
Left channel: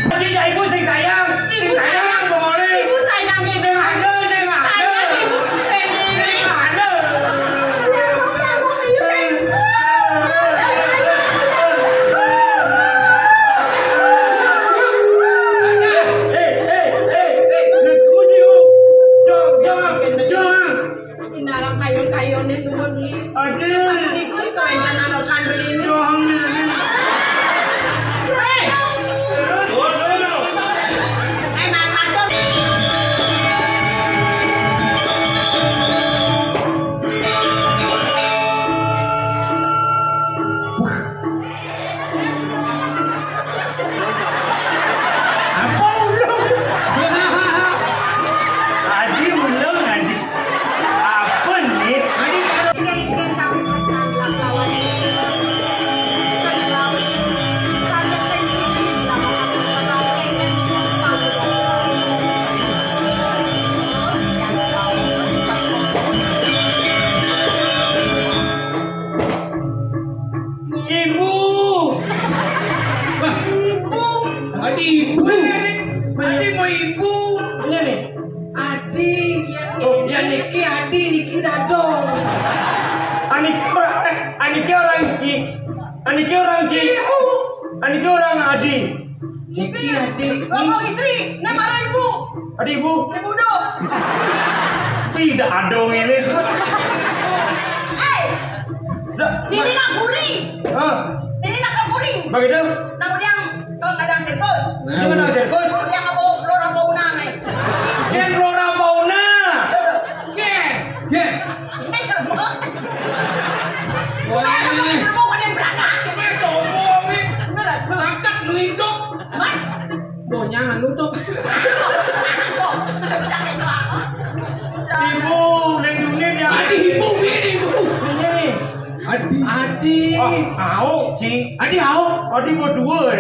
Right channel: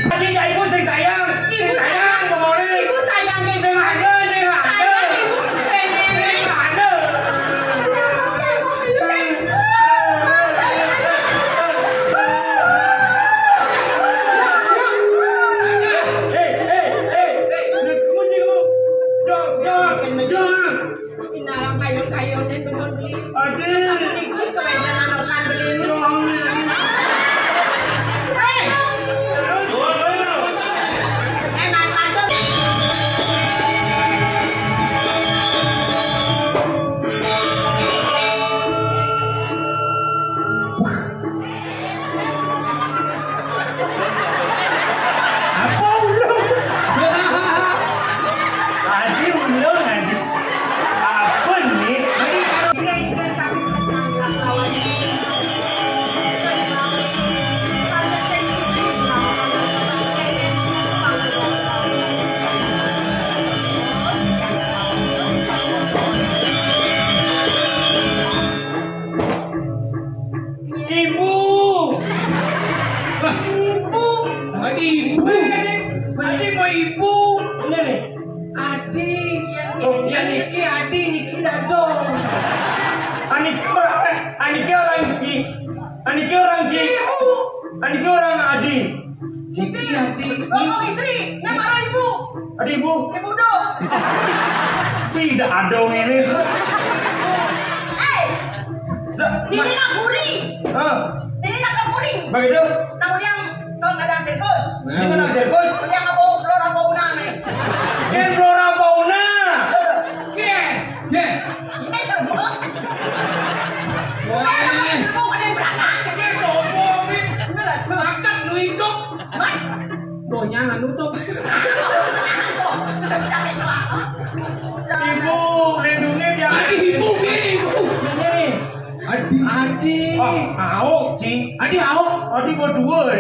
Haji ya ibu sing sayang boleh Ibu sayang itu. sing ada Sayang ibu. sing ada Tindakan kayu-kayu ini dulu beli. Ikut ke rencana makan beli ini. Makan tuh. Apa ulung? Adi ulung adi. Apa nih? Tadi Ini kami Ya niki adi niki dadong. Aniki orang Ci. Aniki orang Adi. Niki adi. Bapak istri, nek para ibu. Adi ibu. Ibu do. Tidak adong ini. Ini nak buri. Hah? Ini nak buri. Begitu? Nak yang kadang sirkus. Di mana sirkus? Yang apa lora bauna nih. Yang Flora Fauna. Ke. Ke. Ini semua. Wah. Mau pada berangkat. Ini sombong nih. Berat. Bakat lu hidup. Donya anu tuh. Ibu, lindungi dia. Adi ibu ini ibu. Ini. Adi. Oh, mau Ci. Adi mau. Adi berdua.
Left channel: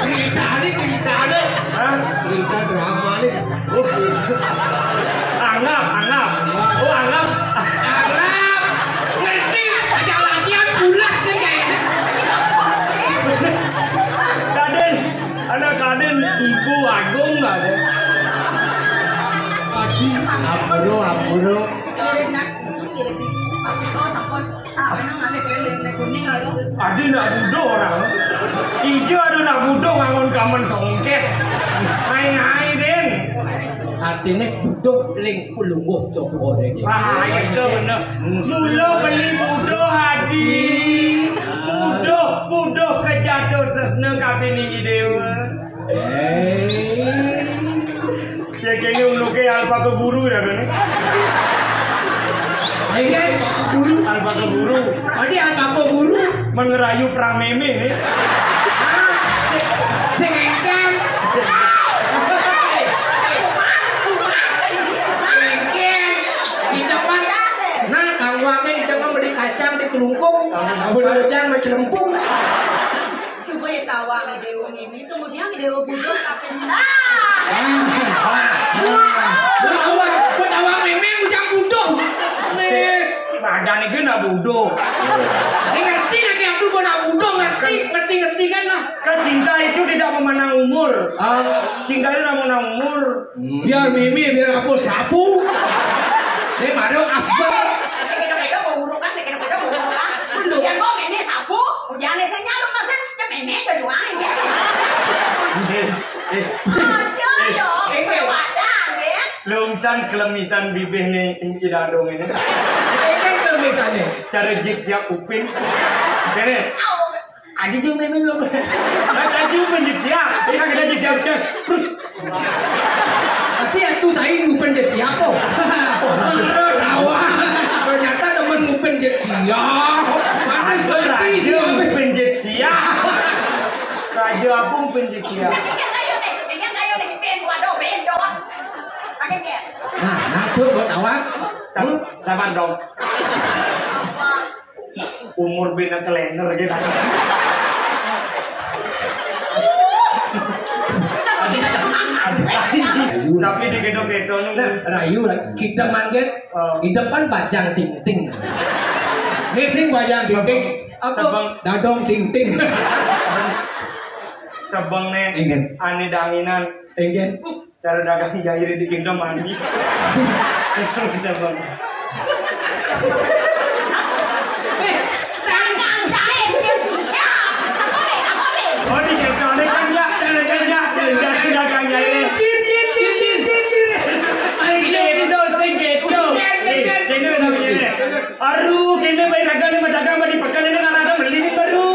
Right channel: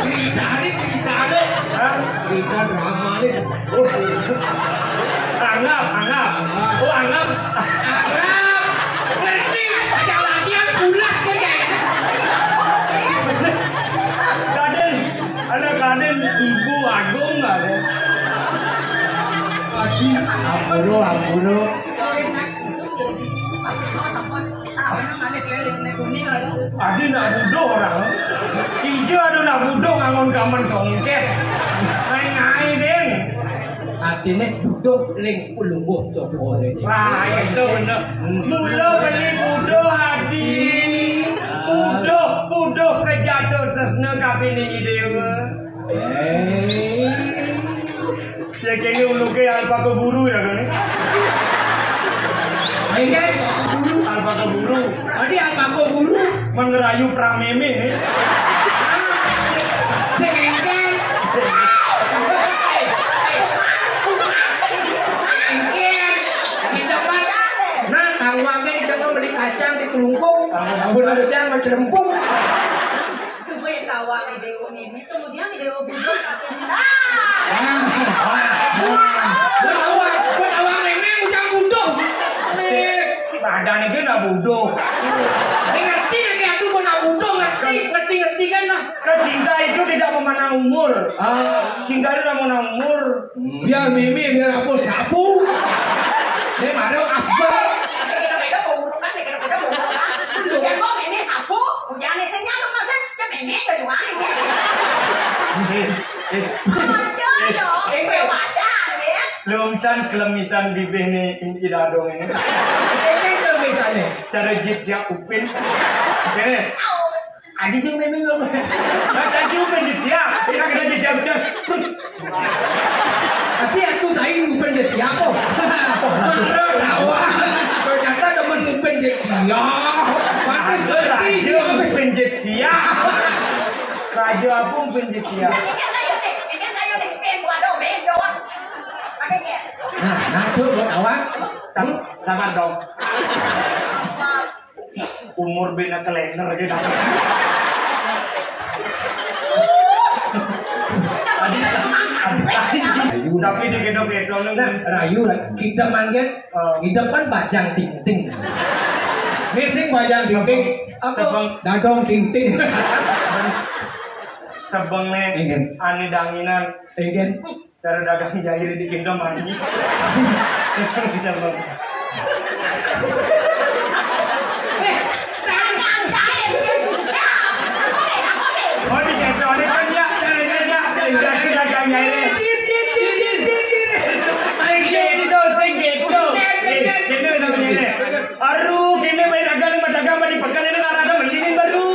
Cerita ada. Hah? Cerita drama nih. Oh, anggap. Oh, anggap. Arab. Ngerti. Ajak latihan bulas kan kayaknya. Kaden Ibu Agung nggak ada. Adi. Ampuro. Adi nak budo orang. Ijo ada nak budo ngangun kamen songkeh. Main den. Artinya duduk ling ulungguh coba ini. Wah, itu bener. Lulo beli budo Adi. Budo kejatuh tresna kabeh niki dewa. Ya kene uluke alpa keburu ya kene. Ini guru. Alpa keburu. Adi apa kok guru? Mengerayu prameme. Sengengkang. Nah, kang wake di depan beli kacang di kelungkung, beli kacang macam lempung. Supaya kawang dewa ini kemudian dewa budok akan Buat awak memang ujang budoh. Badan itu nak budo. Ngerti lagi aku kau nak budoh ngerti kan lah. Cinta itu tidak memandang umur. Cinta itu tidak memandang umur. Biar Mimi, biar aku sapu. Dia baru asbel. beda-beda mau burukan, beda-beda mau burukan. Kemudian mau ini sapu, kemudian ini senyal masih ke meme ke doang ya. Aja yo, wadang ya. Lungsan kelemisan bibih nih tidak dong ini. Ini kelemisannya. Cara jik siap upin. Kene. Adi juga memang belum. Ada juga jik siap. Kita jik siap cas. Terus. Tapi aku saya ngupen jet siapa? Tawa. Ternyata temen ngupen jet siap. Panas berarti siapa? Penjet siap. Raja pun penjet siap. Ikan kayu nih, ben doang. Pakai ke. Nah, tuh buat awas. Sabar dong. Umur bina kalender gitu. Tapi di gedung-gedung Rayu kita manggil kita kan bajang ting-ting. Nising bayang ting-ting. Dadong ting-ting. sebengnya Ingin. ani danginan Ingin. cara dagang jair di gendong mandi. Sebeng. Oh di kecuali kan ya. Dagang jair. Aduh, kene bayi dagang ni dagang di pekan ini ada beli baru.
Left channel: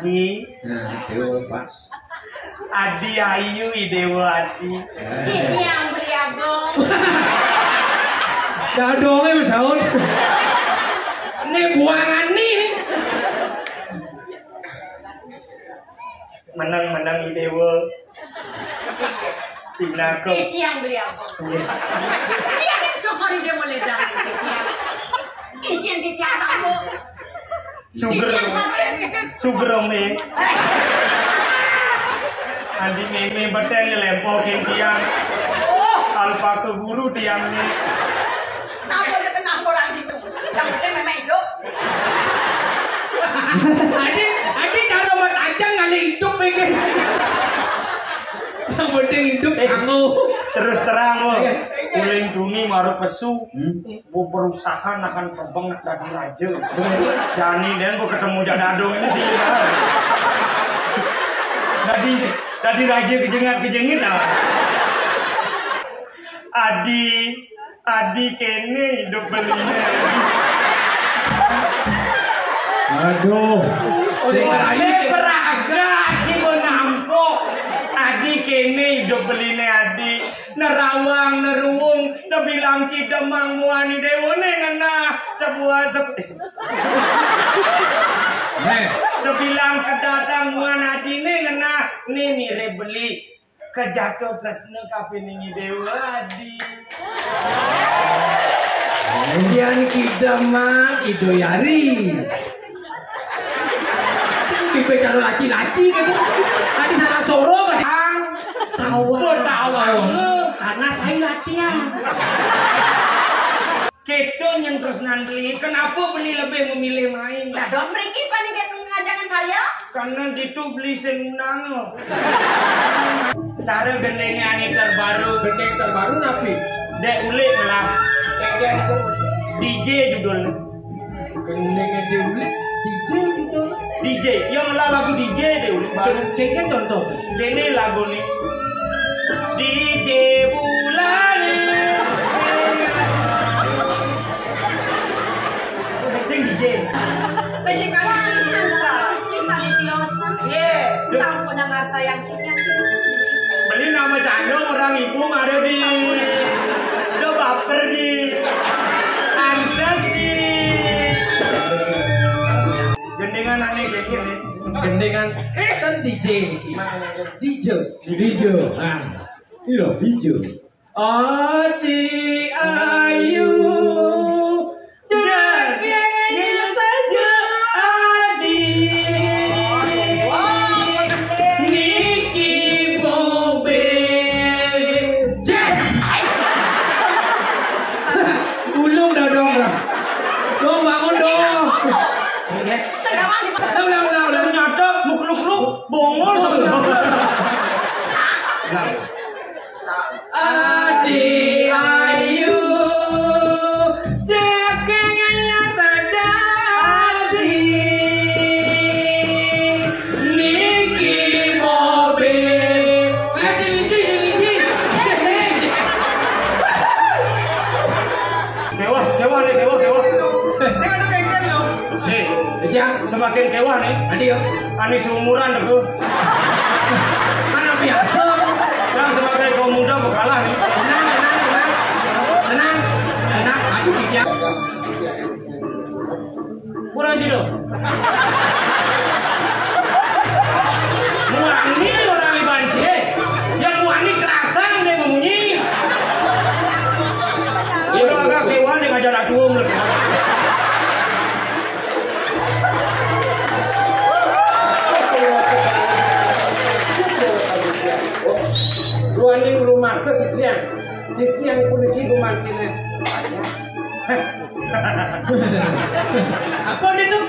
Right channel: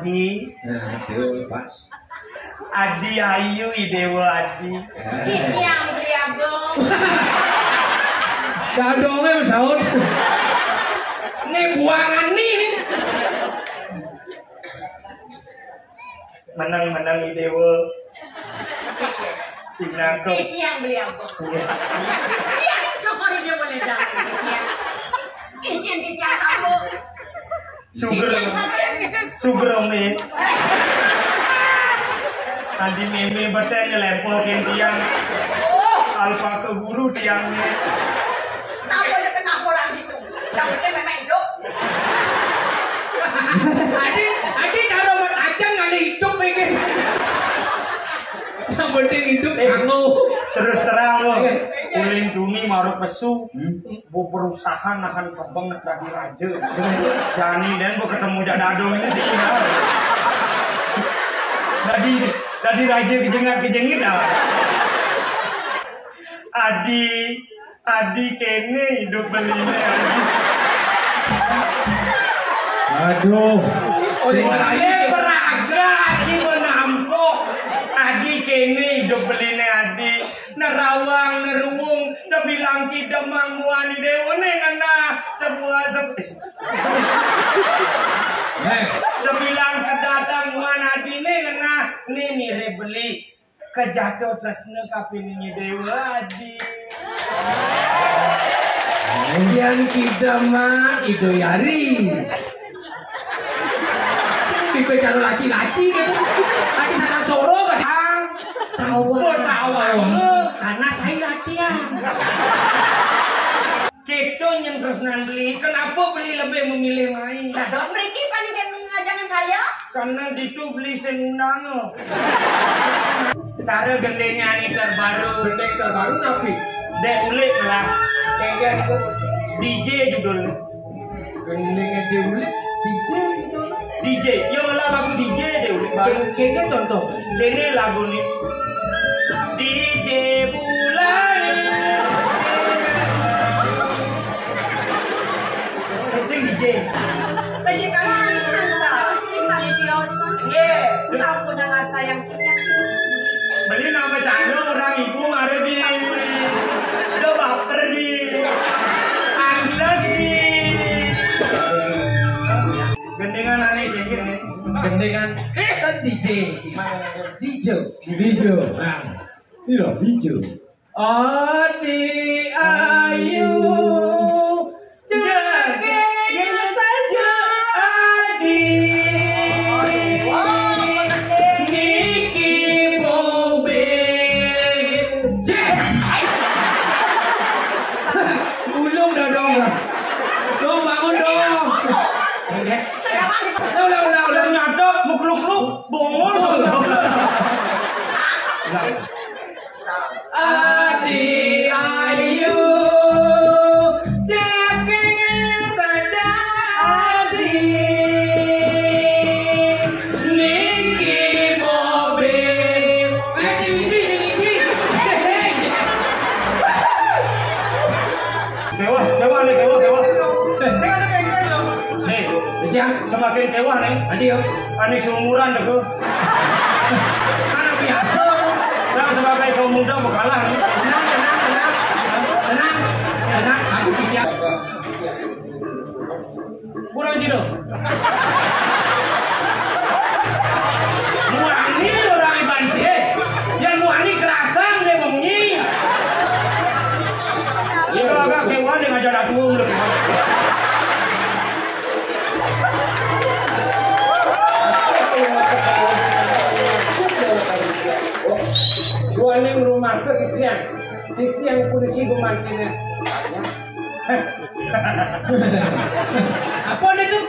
Adi, Dewa pas. Adi Ayu Idewa Adi. Ini yang beriagong. Dadongnya sahur. Ini buangan nih. Menang Idewa. Tinakep. Ini yang beriagong. Ini yang coba dia boleh dari ini yang ditiap kamu. Subrome. Andi meme betul lempokin tiang. Alpa ke guru tiangnya. Kenapa orang gitu? Yang Adi kalau mat aja kali hidup mikir. Yang penting hidup kamu. Terus terang lo, uling duni maru pesu, bu perusahaan akan sebeng dari raja. Jani dan bu ketemu jadadong ini sih. Tadi raja kejengit ah. Adi kene hidup belinya. Aduh. Ini beraga si menampok. Adi kene hidup beline adi. Nerawang neruwung sebilang kidemang muani dewane ngena sebuah sebilang kedatang muan adine ngena ni mire beli kejatuh tresna kapiningi dewa adi. Yang kidemang idoyari. Tipe kalau laci-laci gitu. Tadi salah soro kan. Tawa. Karena saya latihan. Kita yang tersenan beli, kenapa beli lebih memilih main? Dados mriki paling ngajangan kaya. Karena itu beli senang. Cara gendengnya ini terbaru. Gendeng terbaru napi. Dek ulik lah. Gendeng itu DJ judul. gendengnya diulik DJ gitu. DJ, yang lagu DJ deh ulik baru. Gendeng contoh. Gini lagu nih. DJ bulan. Sing DJ. Lagi kali Si Salitios. Iya. Sampun nang sayang senyap. Beli nama Cano orang ibu ada di. Udah baper di. Andes di. Gendengan aneh kayak gini. Gendengan kan DJ. DJ. Nah, ini loh hijau. Adi ayu jaganya saja Adi Niki mobil Jess Ulung dah dong. Lo bangun dong. Udah Ternyata mukluk-luk bongol. Adi ayu jaganya saja Adi Niki mobil sini Kewah nih, kewah. Hei, Jam semakin kewah nih. adio Ani seumuran aku. mana biasa Saya sebagai kaum muda mau kalah nih. tenang aku tidak Kurang jino. Muani orang Iban sih. Yang muani kerasang deh memunyi. Itu agak kewah nih ngajar aku lebih. dua ini rumah cician pun itu mancingnya apa itu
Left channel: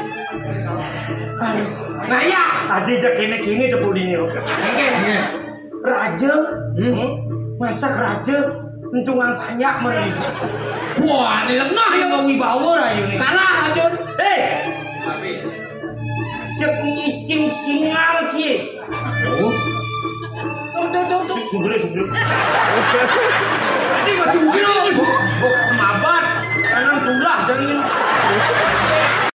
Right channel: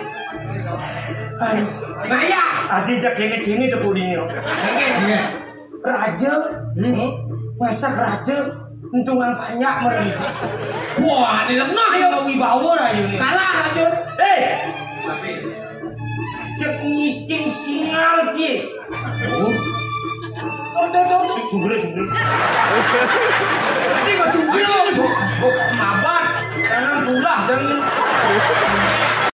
naya Tadi aja gini tuh budinyo. Raja, masak raja, entungan banyak mereka. wah ini lengah ya Yang wibawa rayu nih. kalah racun Cek ngicing singal cie. tuh Subur. ini masuk gila